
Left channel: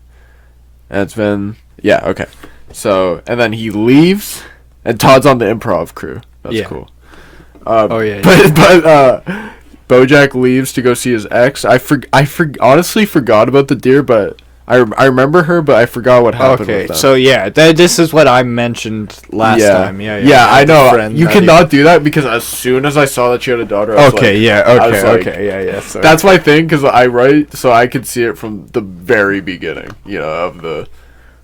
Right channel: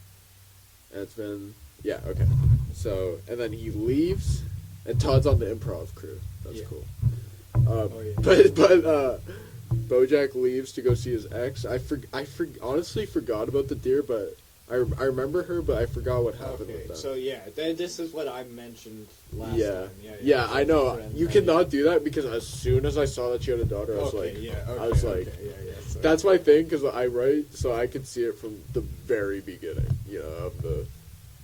And it's been okay. So and then he leaves, and Todd's on the improv crew. That's Yeah. cool. Oh, yeah. But BoJack leaves to go see his ex. I honestly forgot about the deer, but I remember her, but I forgot what happened. Okay. with them. So yeah, this is what I mentioned last time. Yeah. Yeah, I the know. friend You that cannot do that because as soon as I saw that she had a daughter, I was Okay. like, Yeah. I was like- Yeah. Sorry. that's my thing because I write so I could see it from the very beginning, of the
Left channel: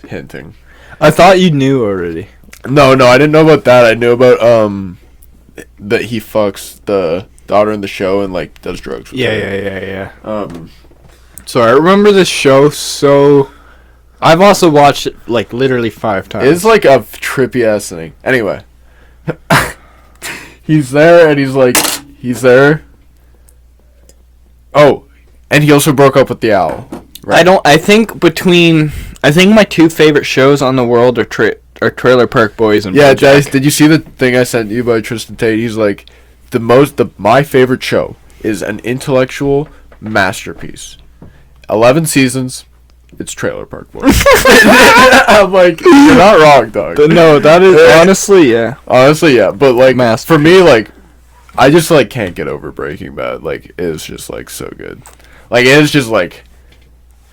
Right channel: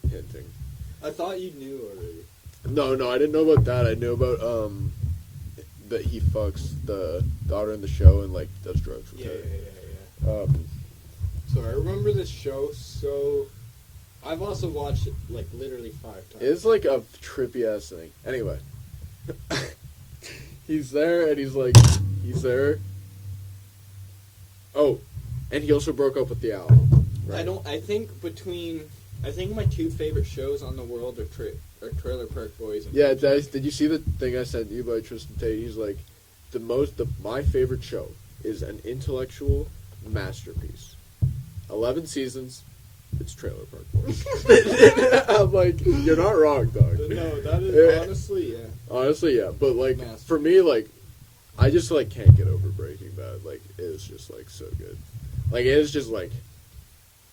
hinting. I thought you knew already. No, I didn't know about that. I knew about that he fucks the daughter in the show and like does drugs with her. Yeah. So I remember this show. So I've also watched it like literally 5 times. It's like a trippy ass thing. Anyway, he's there and he's there. Oh, and he also broke up with the owl. I think my 2 favorite shows on the world are Trailer Park Boys and Yeah, BoJack. Dice, did you see the thing I sent you by Tristan Tate? He's like, my favorite show is an intellectual masterpiece. 11 seasons, it's Trailer Park Boys. I'm like, you're not wrong, dog. No, that is honestly, yeah. Honestly, yeah, but like, Masterpiece. for me, like, I just like can't get over Breaking Bad. Like, it's just like so good. Like, it's just like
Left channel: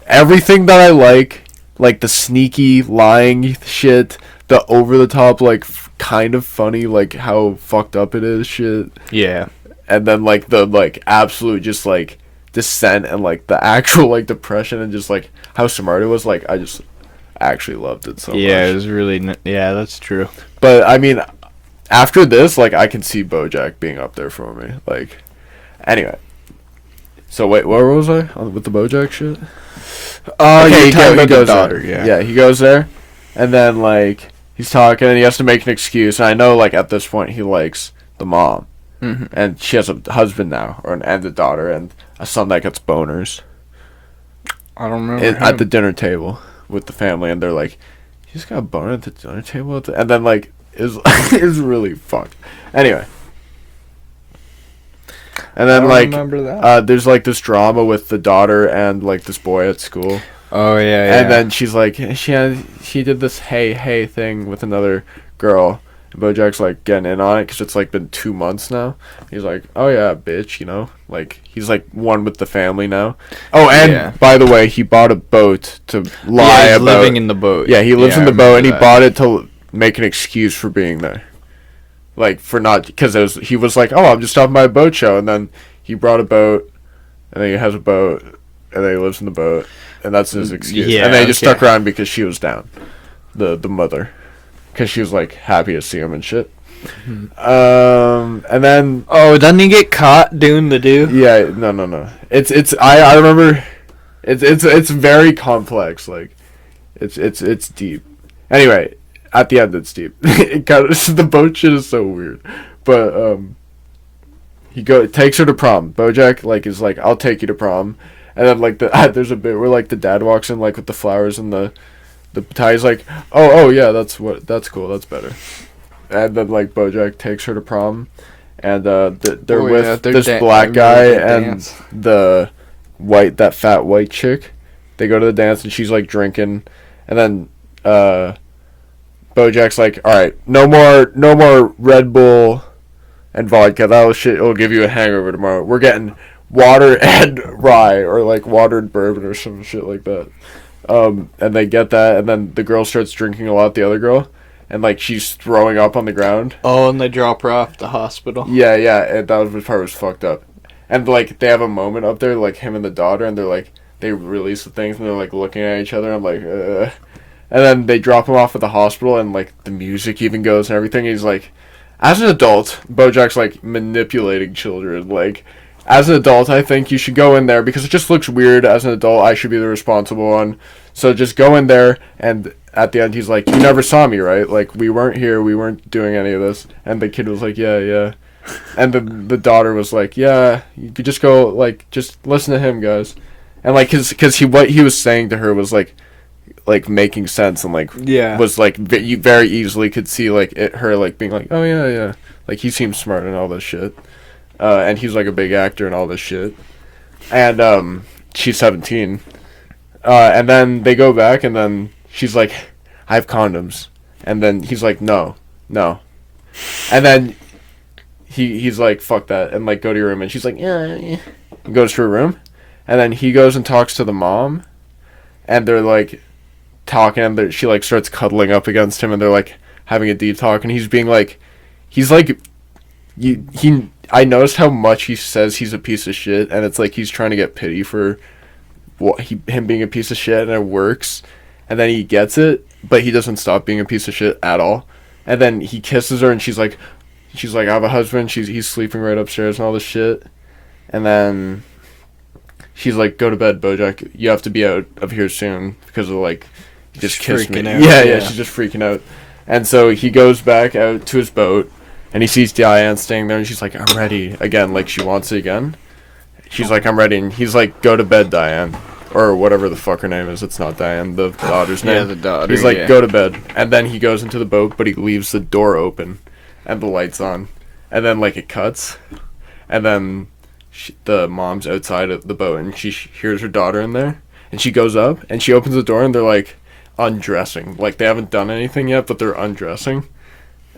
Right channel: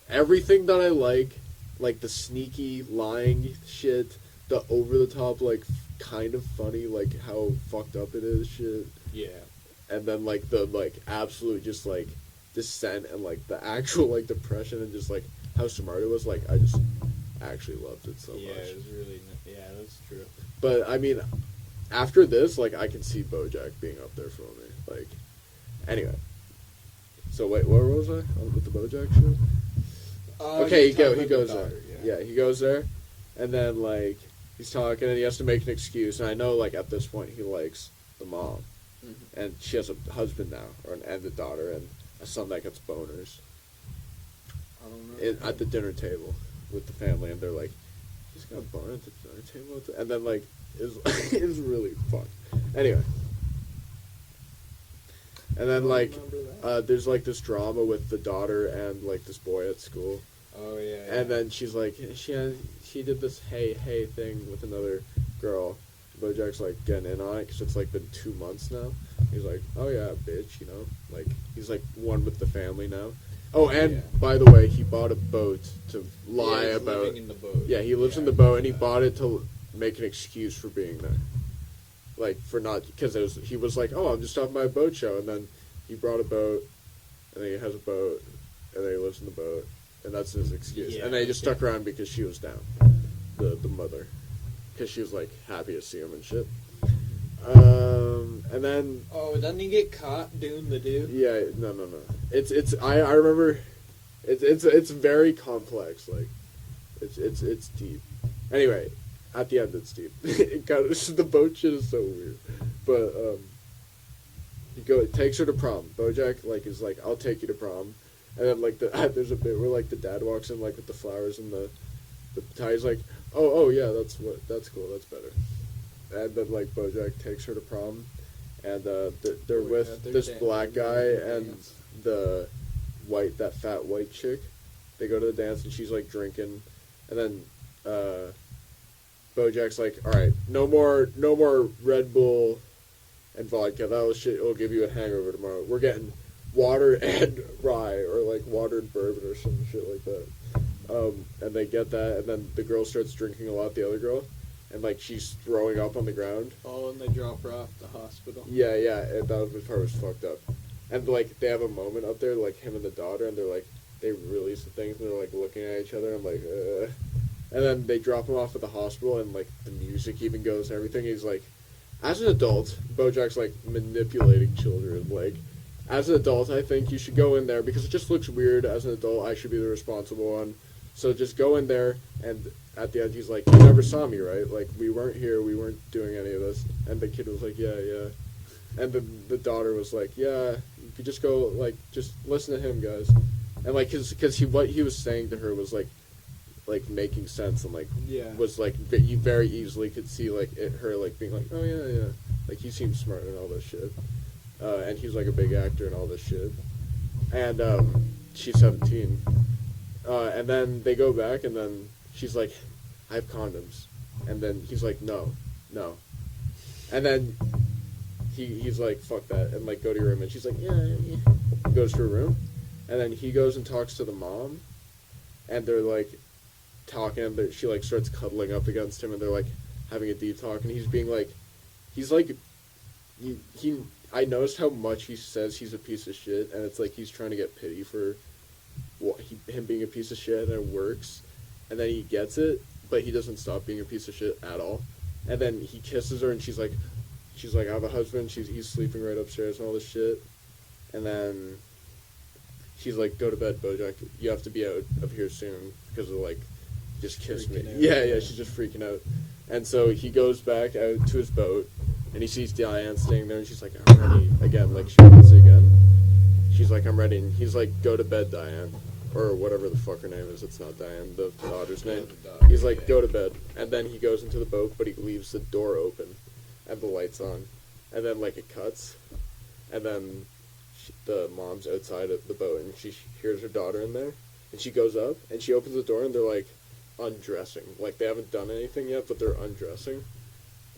everything that I like the sneaky lying shit, the over the top like kind of funny like how fucked up it is shit, Yeah. and then like the like absolute just like descent and like the actual like depression and just like how smart it was. Like I just actually loved it so much. Yeah, it was really yeah, that's true. But I mean, after this, like I can see BoJack being up there for me. Like, anyway. So wait, where was I with the BoJack shit? You're talking about the goes daughter, there. yeah. He goes there, and then like he's talking, and he has to make an excuse. And I know, like at this point, he likes the mom, Mhm. and she has a husband now, and a daughter, and a son that gets boners I don't remember. at the dinner table with the family, and they're like, "He's got a boner at the dinner table," and then like is is really fucked. Anyway. And then like remember that. there's like this drama with the daughter and like this boy at school. Oh yeah. And then she's like she did this hey thing with another girl. And BoJack's like getting in on it because it's like been 2 months now. He's like, oh yeah, bitch, like he's like one with the family now. Oh, and Yeah. by the way, he bought a boat to lie he's about. living in the boat. Yeah, he lives Yeah, in I the boat, and he remember that. bought it to make an excuse for being there. Like for not because he was like, oh, I'm just stopping by a boat show, and then he brought a boat, and then he has a boat, and then he lives in the boat, and that's his excuse. Yeah, and then he just okay. stuck around because she was down, the mother. because she was like happy to see him and shit. Mm-hmm. And then Oh, doesn't he get caught doing the do? yeah, no. It's I remember. It's very complex. Like, it's deep. Anyway, at the end it's deep. It kind of, the boat shit is so weird, but he takes her to prom. BoJack like is like, I'll take you to prom, and then like there's a bit where like the dad walks in like with the flowers and the tie. He's like, oh yeah, that's cool, that's better. And then like BoJack takes her to prom, and they're Oh, with yeah, they're this I black remember guy that and dance. the that fat white chick. They go to the dance and she's like drinking, and then BoJack's like, all right, no more Red Bull and vodka. That'll shit. It'll give you a hangover tomorrow. We're getting water and rye, or like water and bourbon, or some shit like that. And they get that, and then the girl starts drinking a lot. The other girl, and like she's throwing up on the ground. Oh, and they drop her off at the hospital. Yeah, and that was the part was fucked up. And like they have a moment up there, like him and the daughter, and they're like they release the things, and they're like looking at each other. I'm like, and then they drop him off at the hospital, and like the music even goes and everything. He's like, as an adult, BoJack's like manipulating children. Like, as an adult, I think you should go in there because it just looks weird. As an adult, I should be the responsible one. So just go in there, and at the end, he's like, you never saw me, right? Like, we weren't here, we weren't doing any of this. And the kid was like, yeah. And the daughter was like, yeah, you could just go, like, just listen to him, guys. And like, cause what he was saying to her was like making sense, and like Yeah. was like you very easily could see like her like being like, oh yeah, like he seems smart and all this shit, and he's like a big actor and all this shit, and she's 17, and then they go back, and then she's like, I have condoms, and then he's like, no, and then he's like, fuck that, and like go to your room, and she's like, yeah, and goes to her room. And then he goes and talks to the mom, and they're like talking, and she like starts cuddling up against him, and they're like having a deep talk, and he's being like, he's like, I noticed how much he says he's a piece of shit, and it's like he's trying to get pity for him being a piece of shit, and it works, and then he gets it, but he doesn't stop being a piece of shit at all, and then he kisses her, and she's like, I have a husband, he's sleeping right upstairs and all this shit, and then she's like, go to bed, BoJack. You have to be out of here soon because of like, you just kissed me. Freaking out, Yeah, yeah. she's just freaking out. And so he goes back out to his boat, and he sees Diane staying there, and she's like, I'm ready again. Like she wants it again. She's like, I'm ready, and he's like, go to bed, Diane, or whatever the fuck her name is. It's not Diane, the daughter's name. Yeah, the daughter. He's like, yeah. go to bed, and then he goes into the boat, but he leaves the door open, and the lights on, and then like it cuts, and then the mom's outside of the boat, and she hears her daughter in there, and she goes up, and she opens the door, and they're like undressing, like they haven't done anything yet, but they're undressing,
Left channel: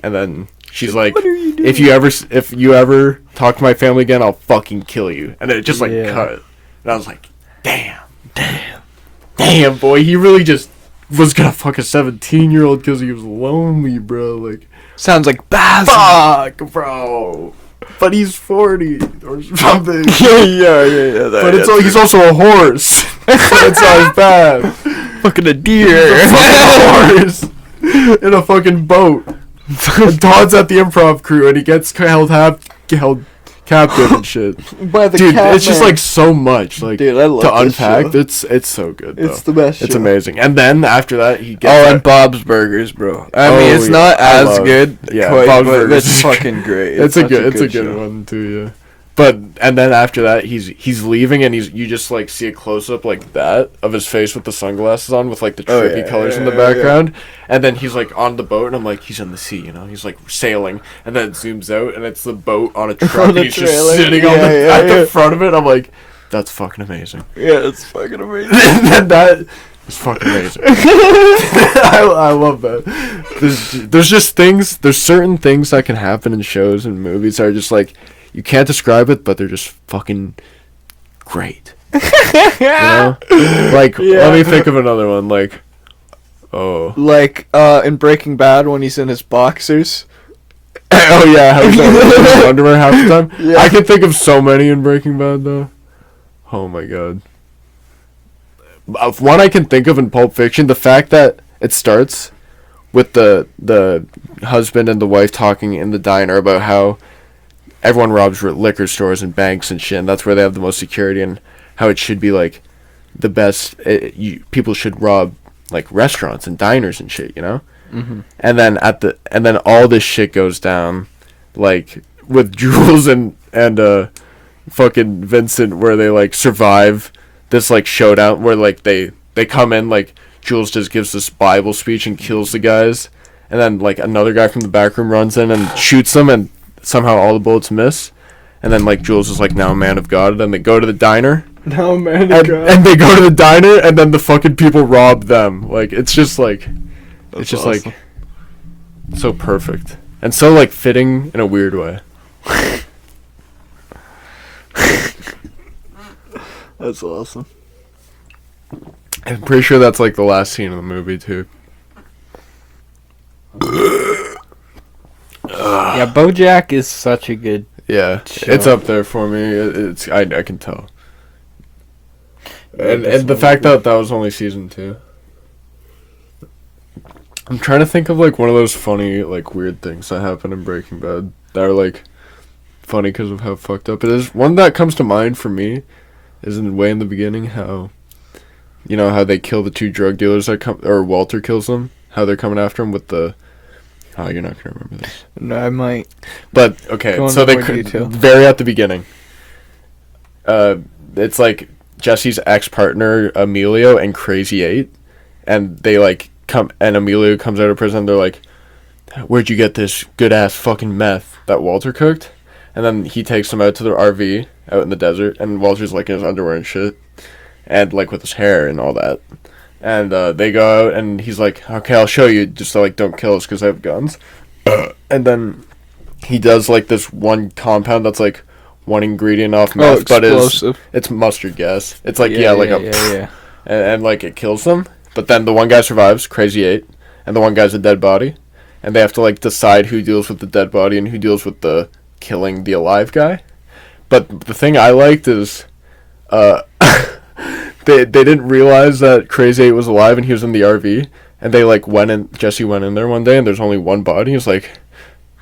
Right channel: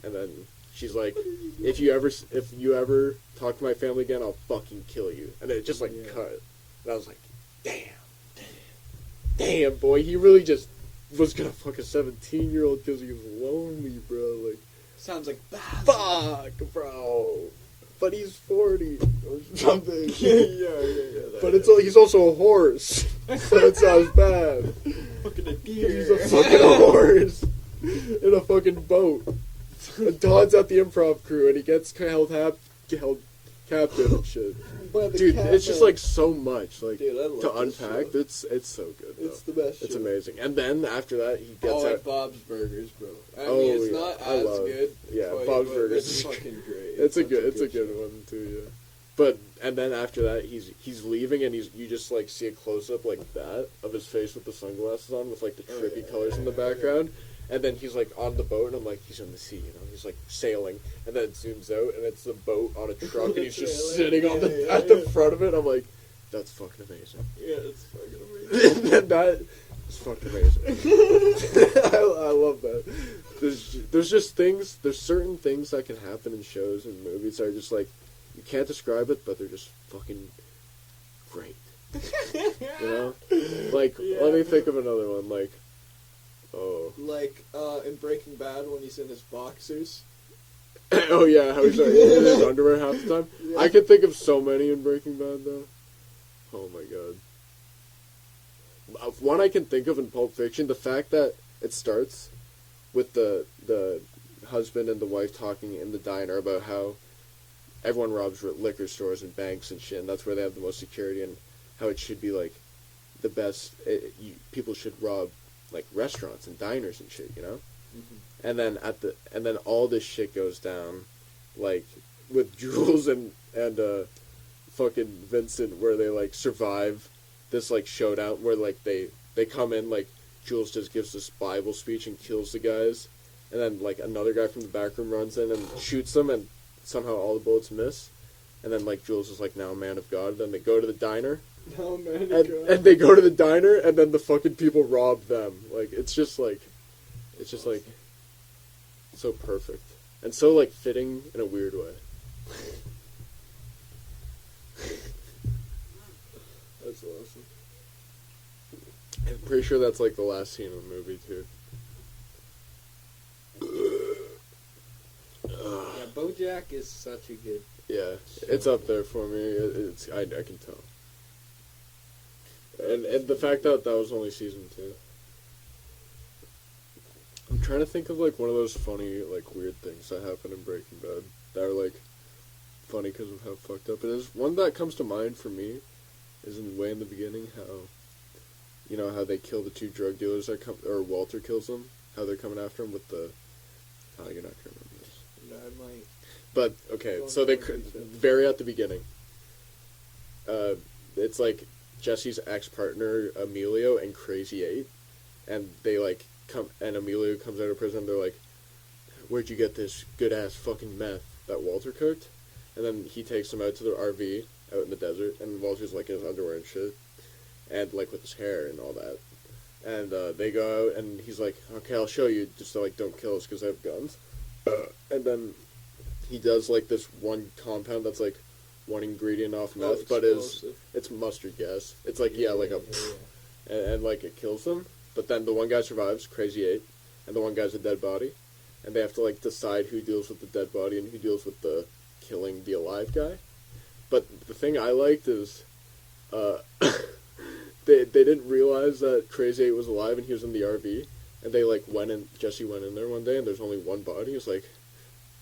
and then she's like, what are you doing? if you ever talk to my family again, I'll fucking kill you. And it just like Yeah. cut, and I was like, damn boy, he really just was gonna fuck a 17-year-old because he was lonely, bro. Like, Sounds like Baz. fuck, bro. But he's 40 or something. yeah. But it's like he's also a horse. But it's not as bad. fucking a deer. Fucking horse in a fucking boat. And Todd's at the improv crew, and he gets held captive and shit. By the Dude, cat it's just man. like so much like Dude, I love to this unpack. show. It's so good. It's Though. the best. It's show. amazing. And then after that, he gets. Oh, and Bob's Burgers, bro. I mean, it's yeah, not I as love- good. yeah, quite, Bob's but Burgers it's is fucking great. It's a such good show. one too. Yeah. But and then after that, he's leaving, and you just like see a close up like that of his face with the sunglasses on, with like the Oh, trippy yeah, colors in yeah, the yeah, background, and then he's like on the boat, and I'm like, he's in the sea, you know, he's like sailing, and then it zooms out, and it's the boat on a truck, On and the he's just trailer. sitting on Yeah, at yeah. the front of it. I'm like, that's fucking amazing. Yeah, it's fucking amazing. And that is fucking amazing. I love that. There's just things. There's certain things that can happen in shows and movies that are just like, you can't describe it, but they're just fucking great. You know? Like, Yeah. let me think of another one. Like, Like in Breaking Bad when he's in his boxers. oh yeah, how he's wearing his underwear half the time. Yeah. I can think of so many in Breaking Bad though. Oh my god. One I can think of in Pulp Fiction, the fact that it starts with the husband and the wife talking in the diner about how everyone robs liquor stores and banks and shit, and that's where they have the most security, and how it should be like the best. People should rob like restaurants and diners and shit, you know. Mm-hmm. And then all this shit goes down, like with Jules and fucking Vincent, where they like survive this like showdown where like they come in, like Jules just gives this Bible speech and kills the guys, and then like another guy from the back room runs in and shoots them, and somehow all the bullets miss, and then like Jules is like now a man of God, and then they go to the diner. No man, And they go to the diner, and then the fucking people rob them. Like, it's just like, it's just awesome. like, so perfect. And so, like, fitting in a weird way. That's awesome. I'm pretty sure that's, like, the last scene of the movie, too. Yeah, BoJack is such a good. Yeah, Sure. it's up there for me. It's I can tell. And the fact that was only season 2. I'm trying to think of like one of those funny like weird things that happen in Breaking Bad that are like funny because of how fucked up it is. One that comes to mind for me is way in the beginning how, you know, how they kill the 2 drug dealers that come, or Walter kills them. How they're coming after him with the. Oh, you're not gonna remember this. No, I might. But okay, Go so into they more detail. very at the beginning. It's like Jesse's ex-partner Emilio and Crazy 8, and they like come, and Emilio comes out of prison. They're like, "Where'd you get this good ass fucking meth that Walter cooked?" And then he takes them out to their RV out in the desert, and Walter's like in his underwear and shit, and like with his hair and all that. And they go out, and he's like, "Okay, I'll show you. Just like don't kill us because I have guns." And then he does like this one compound that's like one ingredient off meth, but it's mustard gas. It's like yeah. and like it kills them. But then the one guy survives, Crazy 8, and the one guy's a dead body, and they have to like decide who deals with the dead body and who deals with the killing the alive guy. But the thing I liked is, they didn't realize that Crazy 8 was alive and he was in the RV, and they like went in. Jesse went in there one day and there's only one body. He's like,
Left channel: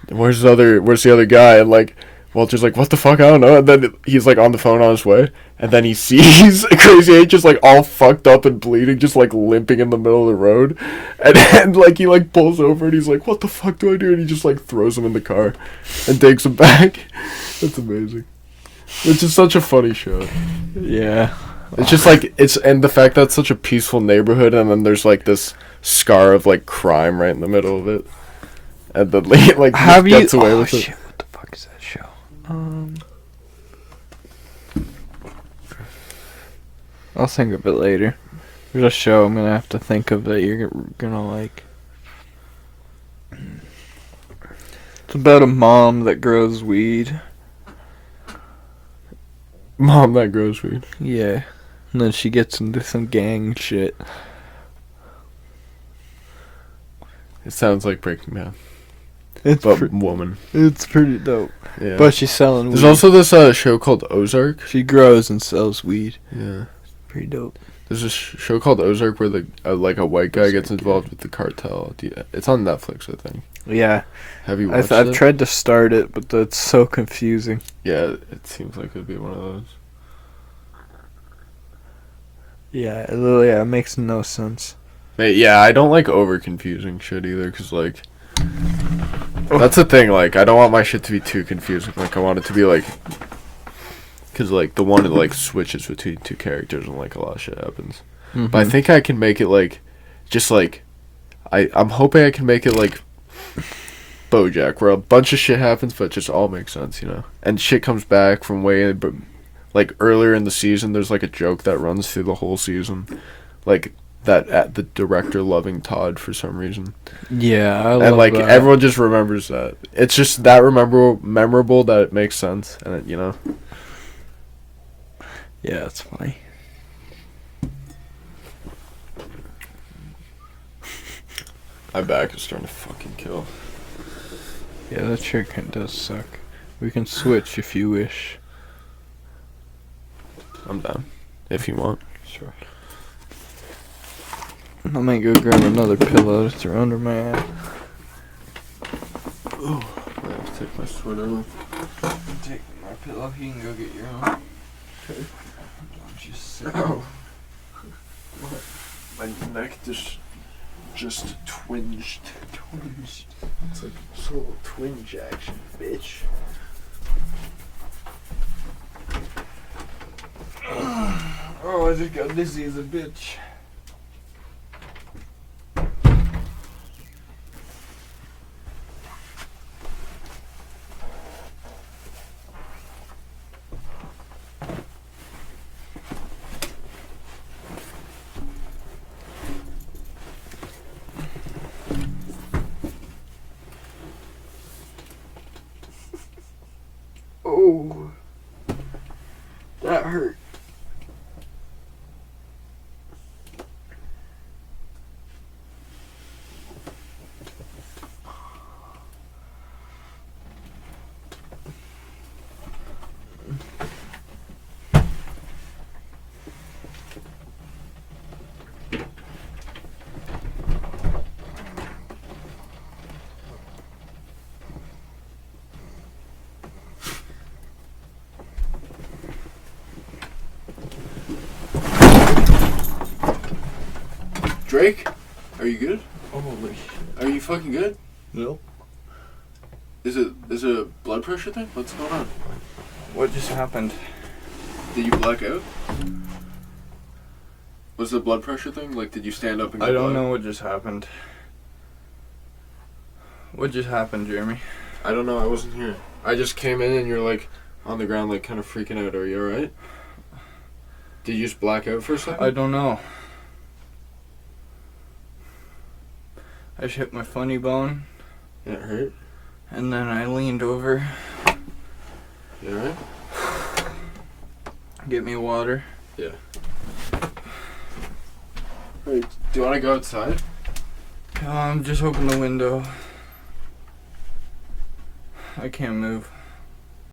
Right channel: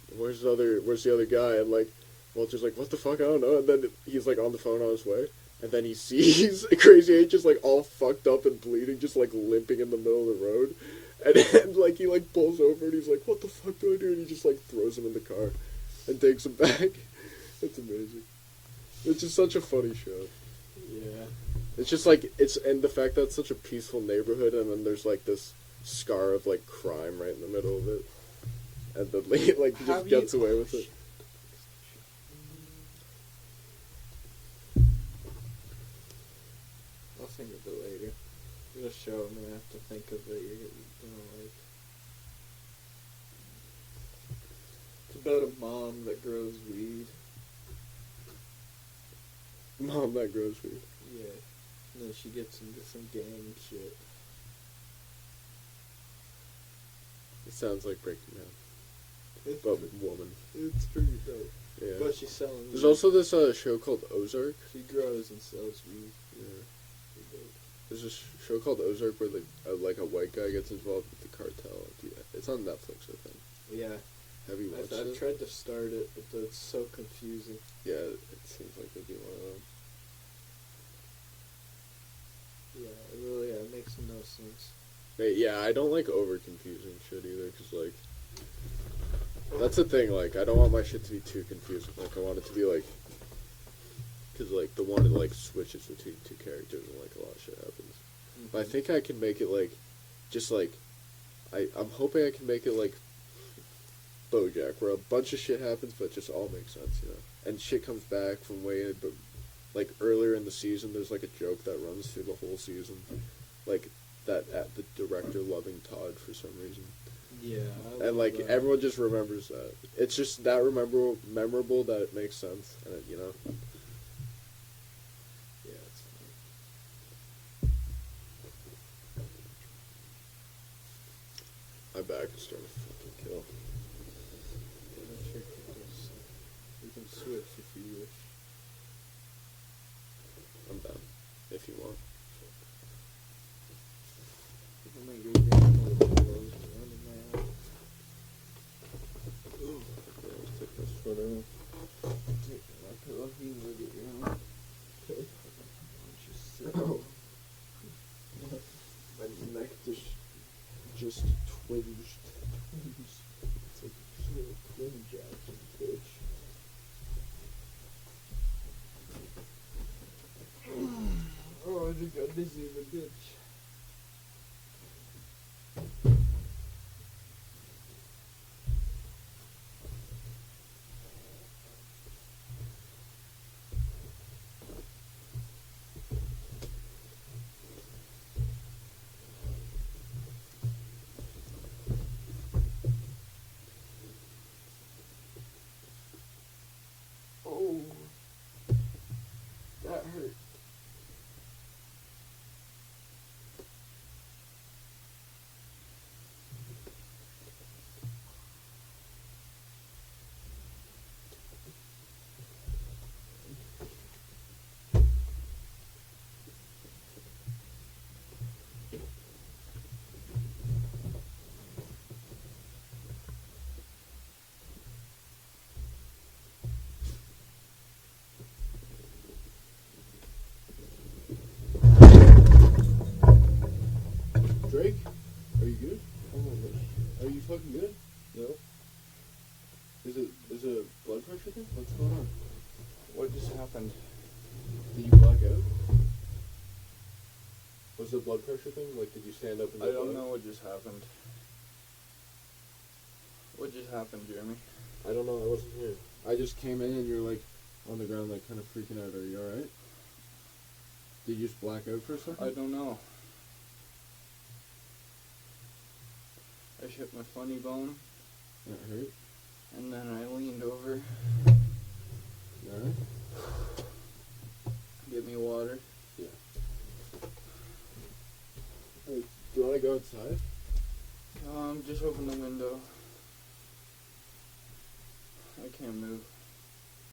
"Where's the other guy?" And like Walter's like, "What the fuck? I don't know." And then he's like on the phone on his way, and then he sees Crazy 8 just like all fucked up and bleeding, just like limping in the middle of the road, and like he like pulls over and he's like, "What the fuck do I do?" And he just like throws him in the car, and takes him back. That's amazing. It's just such a funny show. Yeah. It's just like and the fact that it's such a peaceful neighborhood, and then there's like this scar of like crime right in the middle of it, and then like Have you? gets away Oh with shit! it. What the fuck is that show? I'll think of it later. There's a show I'm gonna have to think of that you're gonna like. It's about a mom that grows weed. Mom, that grows weed. Yeah. And then she gets into some gang shit. It sounds like Breaking Bad, It's but woman. it's pretty dope. Yeah. But she's selling weed. there's also this show called Ozark. She grows and sells weed. Yeah. Pretty dope. There's this show called Ozark where like a white guy gets involved with the cartel. It's on Netflix, I think. Yeah. Have you watched I've it? tried to start it, but it's so confusing. Yeah, it seems like it'd be one of those. Yeah, it makes no sense. Yeah, I don't like over confusing shit either, cause like that's the thing. Like, I don't want my shit to be too confusing. Like, I want it to be like, cause like the one that like switches between 2 characters and like a lot of shit happens. But I think I can make it like, just like, I'm hoping I can make it like BoJack, where a bunch of shit happens, but it just all makes sense, you know. And shit comes back from like earlier in the season. There's like a joke that runs through the whole season, like that at the director loving Todd for some reason. Yeah, I love And like that. everyone just remembers that. It's just that memorable that it makes sense, and it, you know. Yeah, it's funny. My back is starting to fucking kill. Yeah, that shirt does suck. We can switch if you wish. I'm down, if you want. Sure. I might go grab another pillow to throw under my head. Oh, I have to take my sweater off. Take my pillow. You can go get your own. Okay. Don't you sit. Ow. My neck just twinged. It's like a little twinge action, bitch. Oh, I just got dizzy as a bitch. Oh, that hurt. Drake, are you good? Holy Are you fucking good? no. Is it a blood pressure thing? What's going on? What just happened? Did you black out? Was it a blood pressure thing? Like, did you stand up and I get don't blood? know what just happened. What just happened, Jeremy? I don't know. I wasn't here. I just came in and you're like on the ground, like kind of freaking out. Are you alright? Did you just black out for a second? I don't know. I just hit my funny bone, It hurt. and then I leaned over, You alright? get me water. Hey, do you want to go outside? Just open the window. I can't move.